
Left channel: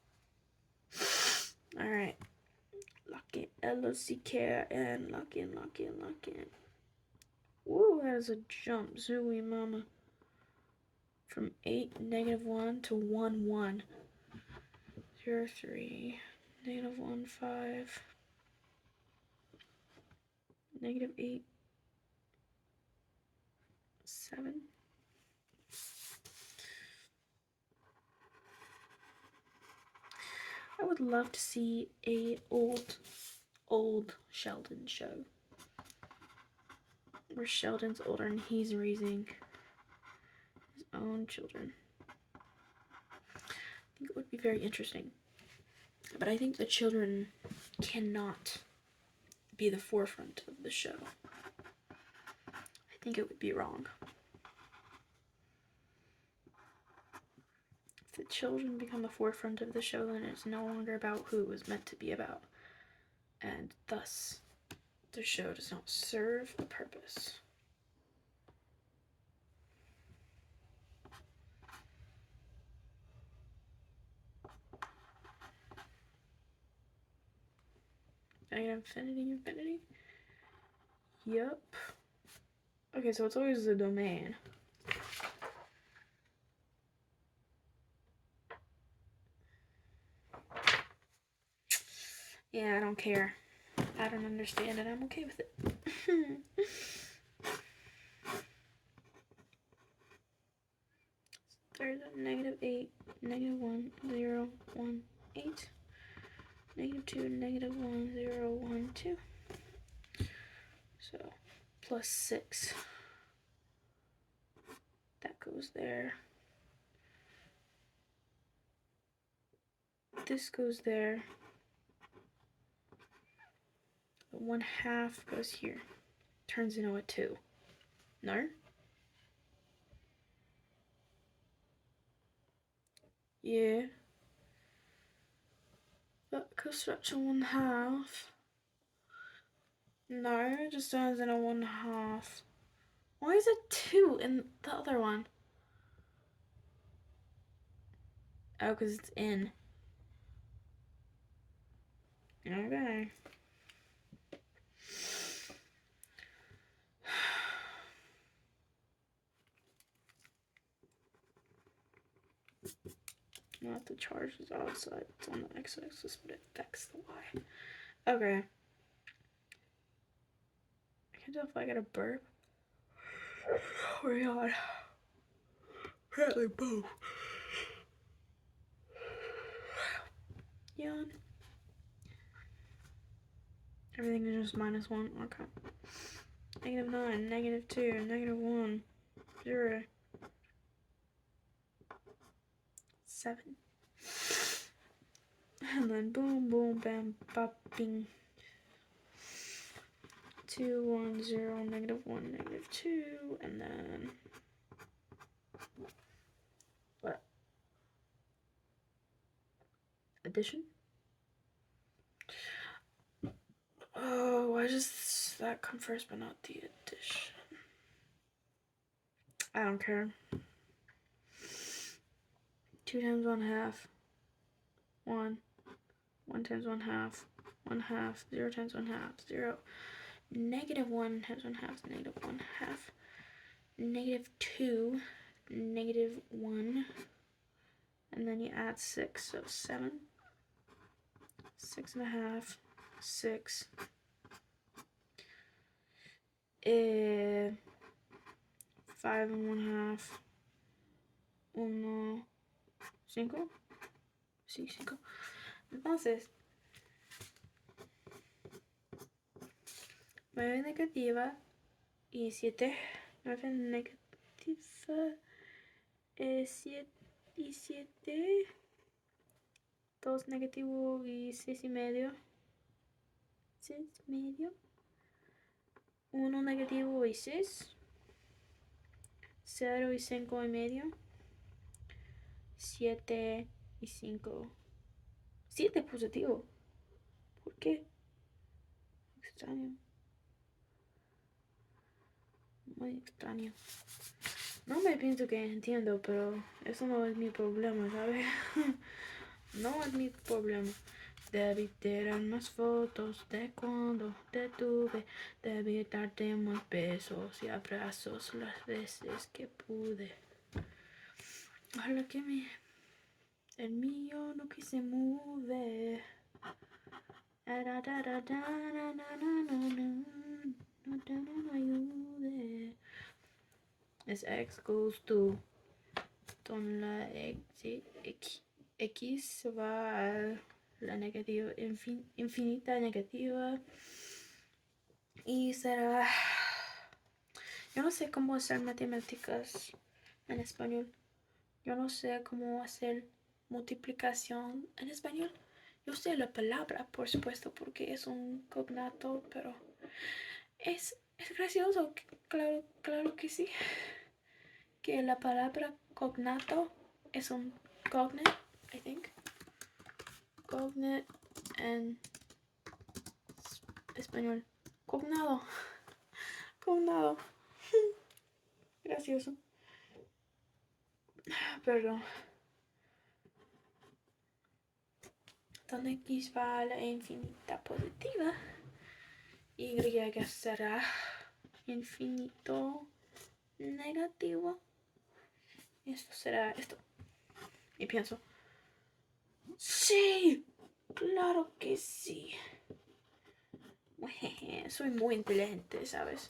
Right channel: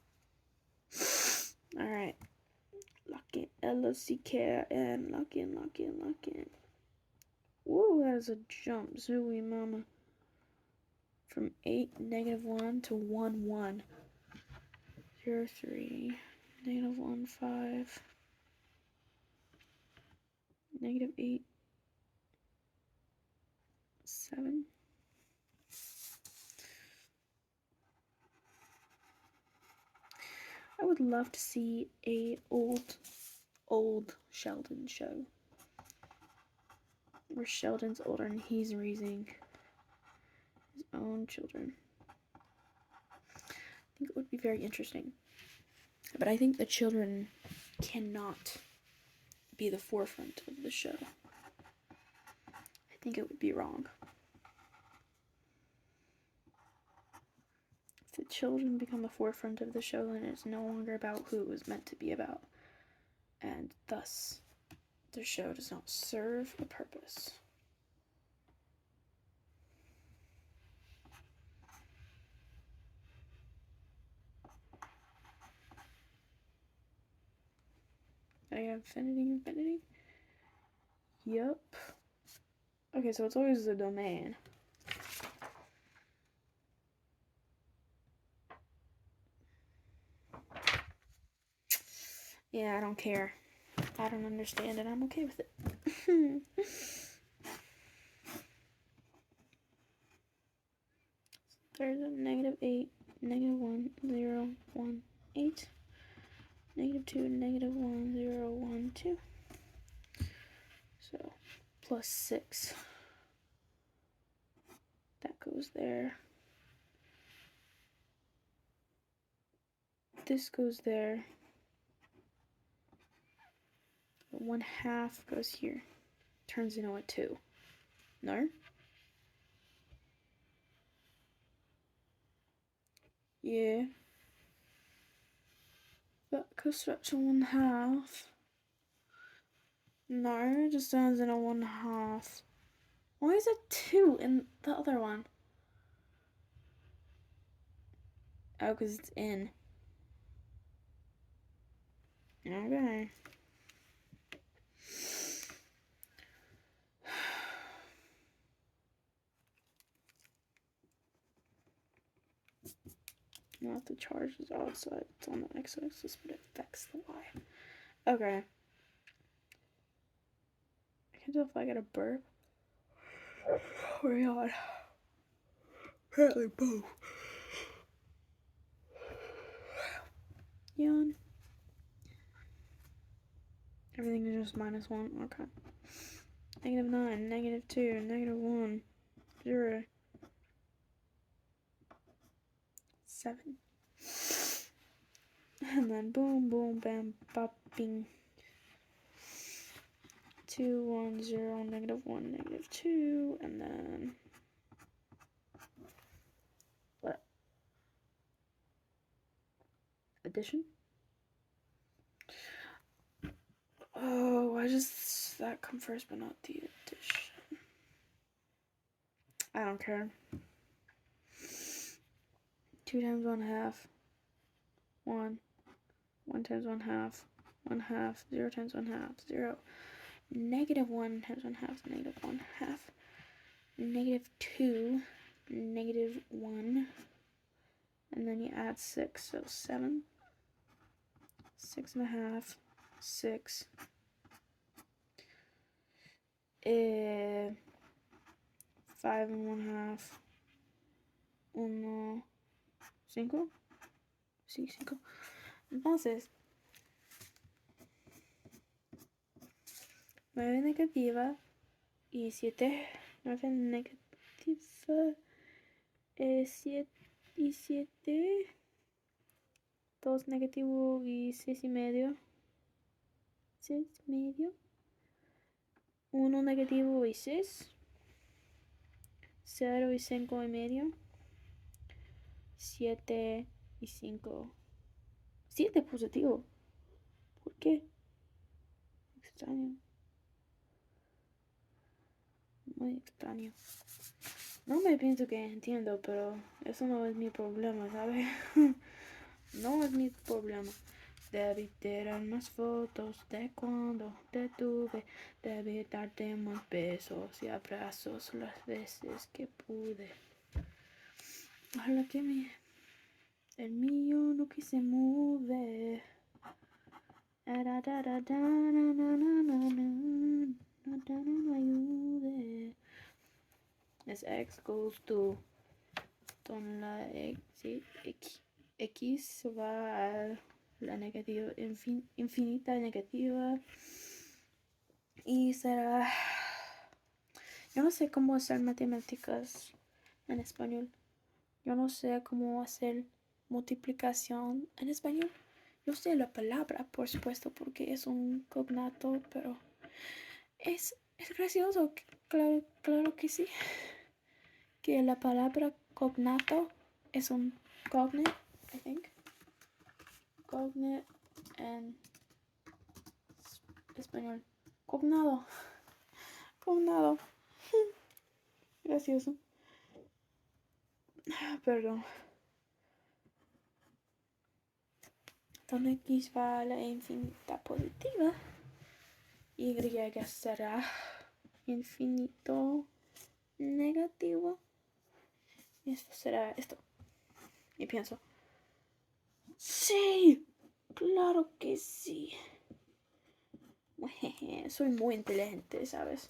Alright. Lock in. L-O-C-K-I-N. Lock in, lock in, lock in. Woo, that is a jump. Zooey mama. From 8, -1 to 1, 1. 0, 3. -1, 5. -8. 7. I would love to see a old Sheldon show where Sheldon's older and he's raising his own children. I think it would be very interesting. But I think the children cannot be the forefront of the show. I think it would be wrong. If the children become the forefront of the show, then it's no longer about who it was meant to be about. And thus, the show does not serve a purpose. infinity. Yep. Okay, so it's always the domain. Yeah, I don't care. I don't understand it. I'm okay with it. There's a -8, -1, 0, 1, 8, -2, -1, 0, 1, 2. So +6. That goes there. This goes there. 1/2 goes here. Turns into a 2. No? Yeah. That could stretch to 1/2. No, it just turns into 1/2. Why is it 2 in the other one? Oh, because it's in. Okay. Not the charge is outside, it's on the x-axis, but it affects the y. Okay. I can't tell if I got a burp or yawn. Apparently both. Yawn. Everything is just -1. Okay. -9, -2, -1, 0, 7. And then boom, boom, bam, bop, bing. 2, 1, 0, -1, -2, and then what? Addition? Oh, why does that come first but not the addition? I don't care. 2 times 1/2. 1. 1 times 1/2. 1/2. 0 times 1/2. 0. -1 times 1/2 is -1/2. -2. -1. And then you add 6, so 7. 6.5. 6. 5 and 1/2. 1, 5. Sí, 5. Entonces, 9 negativa y 7. 9 negativa. 7 y 7. 2 negativo y 6,5. 6,5. 1 negativo y 6. 0 y 5,5. 7 y 5. 7 positivo. ¿Por qué? Extraño. Muy extraño. No me pienso que entiendo, pero eso no es mi problema, ¿sabes? No es mi problema. Debí tirar más fotos de cuando te tuve. Debí darte más besos y abrazos las veces que pude. Ojalá que el mío no que se mueve. As x goes to con la x va a la negativa infinita negativa y será, yo no sé cómo hacer matemáticas en español, yo no sé cómo hacer multiplicación en español. Yo sé la palabra, por supuesto, porque es un cognato, pero es gracioso, claro que sí, que la palabra cognato es un cognate, I think. Cognate en español. Cognado. Cognado. Gracioso. Perdón. Donde x va a la infinita positiva. y será infinito negativo. Esto será esto. Y pienso, sí, claro que sí. Soy muy inteligente, ¿sabes?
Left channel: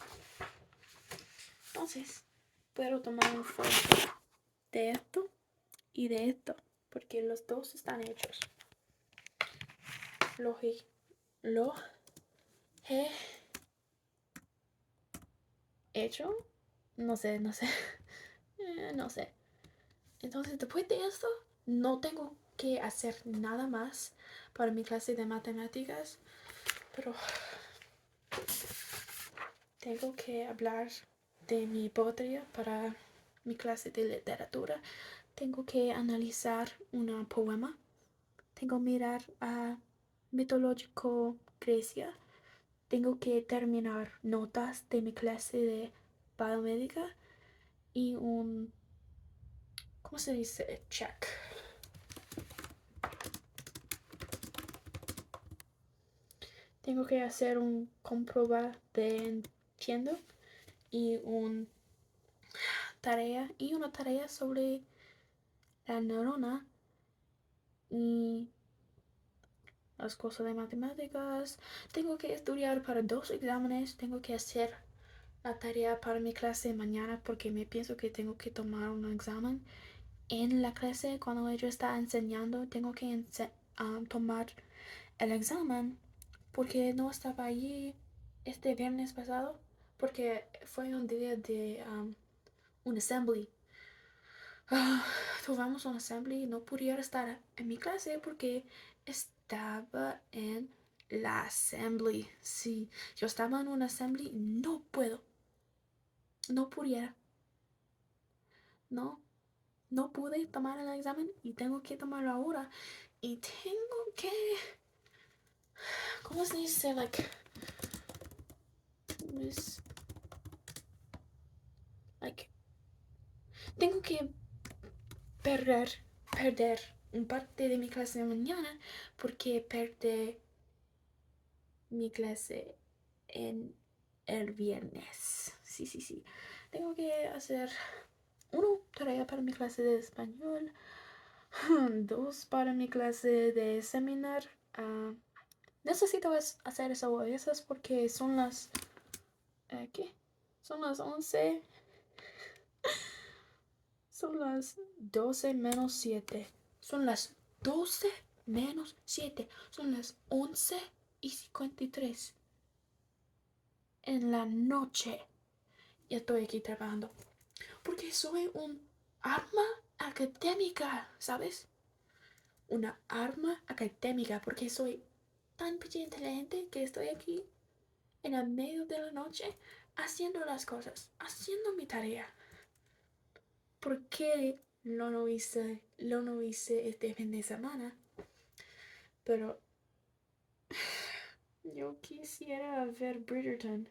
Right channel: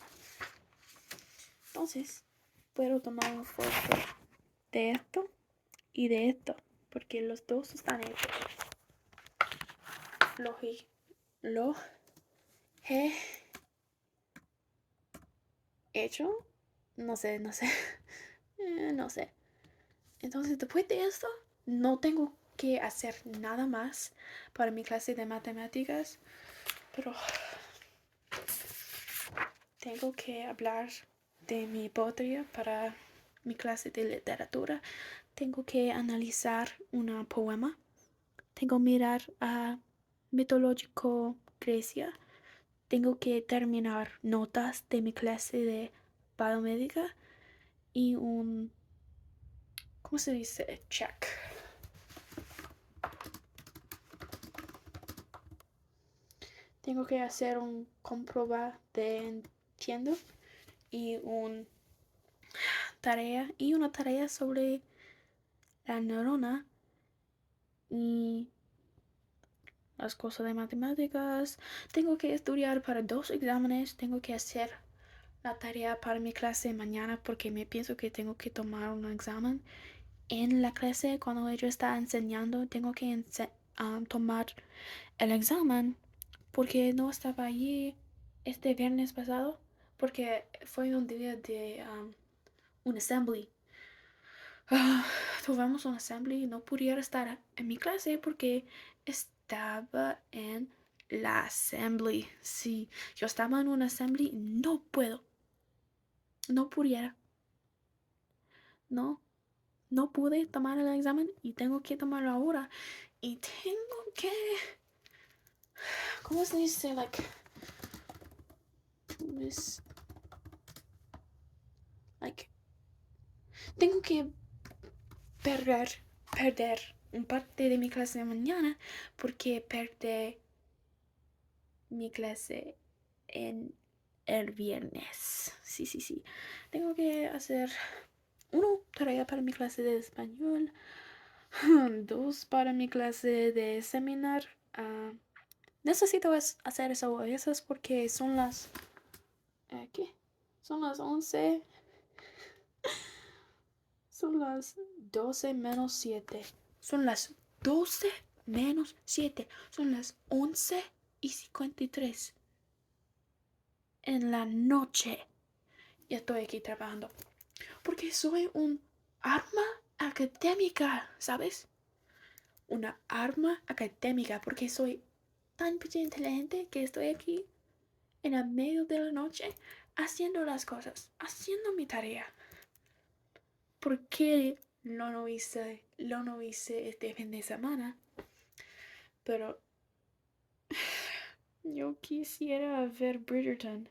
Entonces, puedo tomar un foto de esto y de esto, porque los dos están hechos. Lo he hecho. No sé. No sé. Entonces, después de esto, no tengo que hacer nada más para mi clase de matemáticas, pero tengo que hablar de mi poesía para mi clase de literatura. Tengo que analizar un poema. Tengo que mirar a mitológico Grecia. Tengo que terminar notas de mi clase de biomédica y un, ¿cómo se dice? Check. Tengo que hacer un comprobar de entiendo y una tarea sobre la neurona y las cosas de matemáticas. Tengo que estudiar para 2 exámenes. Tengo que hacer la tarea para mi clase mañana porque me pienso que tengo que tomar un examen en la clase cuando ella está enseñando. Tengo que tomar el examen porque no estaba allí este viernes pasado porque fue un día de un assembly. Tuvimos un assembly y no pudiera estar en mi clase porque estaba en la assembly. Sí, yo estaba en un assembly, no pudiera. No pude tomar el examen y tengo que tomarlo ahora. Y tengo que, ¿cómo se dice? Tengo que perder un parte de mi clase de mañana porque perdí mi clase en el viernes. Sí. Tengo que hacer 1 tarea para mi clase de español, 2 para mi clase de seminar. Necesito hacer eso a veces porque son las... ¿qué? Son las 11. Son las 12 menos 7. Son las 12 menos 7. Son las 11:53 en la noche. Ya estoy aquí trabajando. Porque soy un arma académica, ¿sabes? Una arma académica. Porque soy tan inteligente que estoy aquí en el medio de la noche haciendo las cosas. Haciendo mi tarea. ¿Por qué no hice este fin de semana? Pero yo quisiera ver Bridgerton.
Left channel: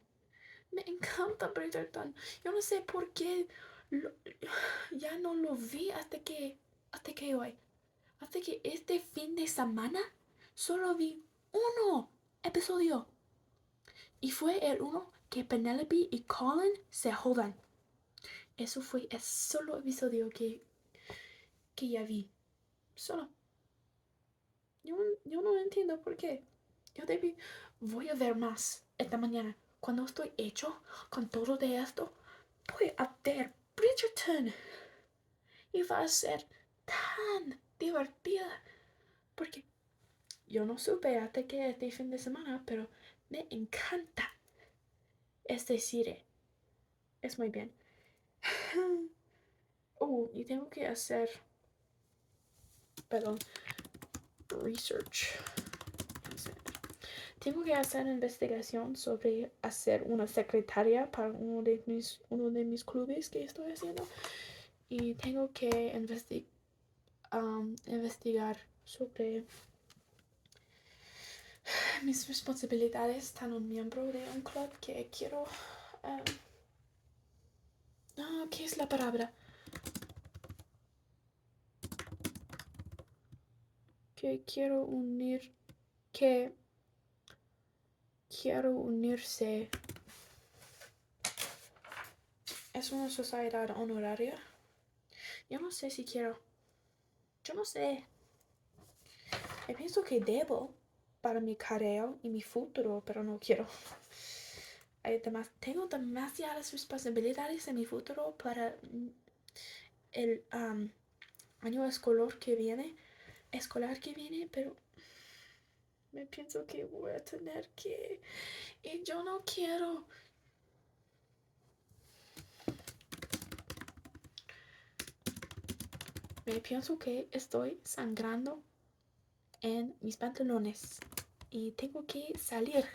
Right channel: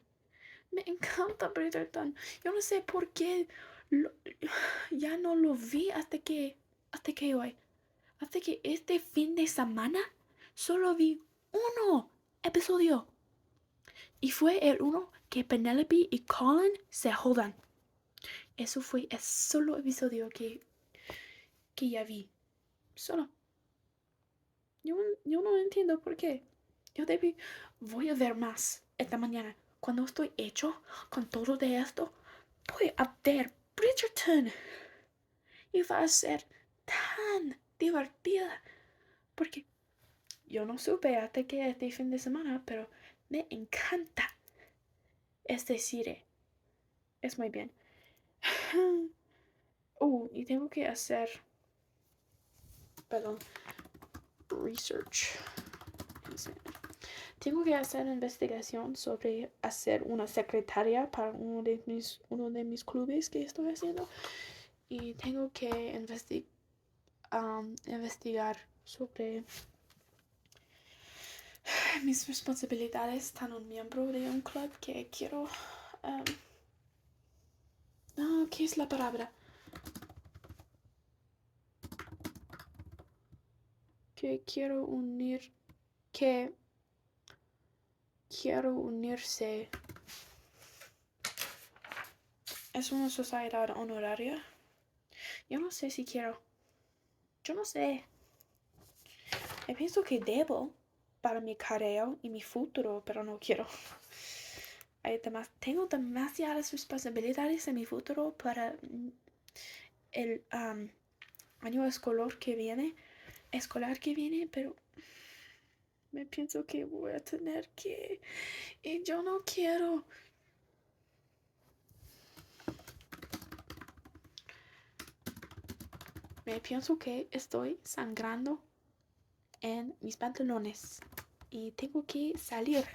Me encanta Bridgerton. Yo no sé por qué ya no lo vi hasta que hoy. Hasta que este fin de semana solo vi 1 episodio. Y fue el 1 que Penelope y Colin se jodan. Eso fue el solo episodio que ya vi. Solo. Yo no entiendo por qué. Voy a ver más esta mañana. Cuando estoy hecho con todo de esto, voy a ver Bridgerton. Y va a ser tan divertida. Porque yo no supe hasta que este fin de semana, pero me encanta este serie. Es muy bien. Y tengo que hacer, perdón, research. Tengo que hacer investigación sobre hacer una secretaria para uno de mis clubes que estoy haciendo. Y tengo que investigar sobre mis responsabilidades como un miembro de un club que quiero... ¿qué es la palabra? Que quiero unir, que quiero unirse. Es una sociedad honoraria. Yo no sé si quiero. Yo no sé. Yo pienso que debo para mi carrera y mi futuro, pero no quiero. Tengo demasiadas responsabilidades en mi futuro para el año escolar que viene, pero me pienso que voy a tener que, y yo no quiero. Me pienso que estoy sangrando en mis pantalones y tengo que salir.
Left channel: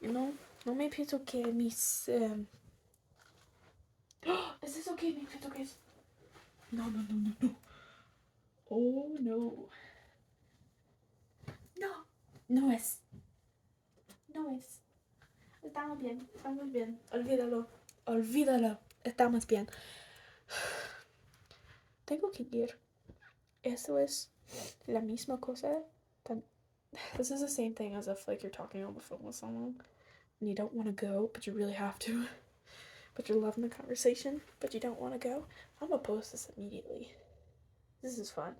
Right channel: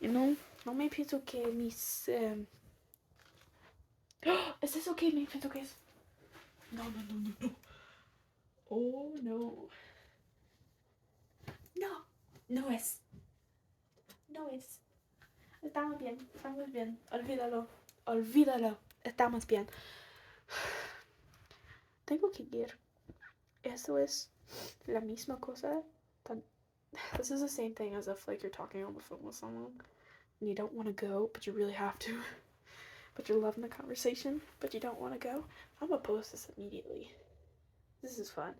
No me pienso que mis... ¿Es eso que me pienso que es? No. Oh, no. No, no es. No es. Estamos bien. Olvídalo. Estamos bien. Tengo que ir. Eso es la misma cosa. This is the same thing as if like you're talking on the phone with someone and you don't want to go, but you really have to. But you're loving the conversation, but you don't want to go. I'm gonna post this immediately. This is fun.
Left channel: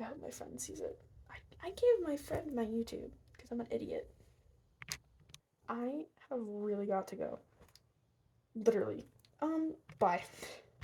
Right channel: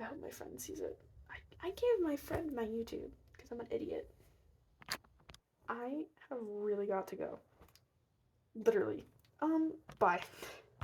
I hope my friend sees it. I gave my friend my YouTube because I'm an idiot. I have really got to go. Literally. Bye.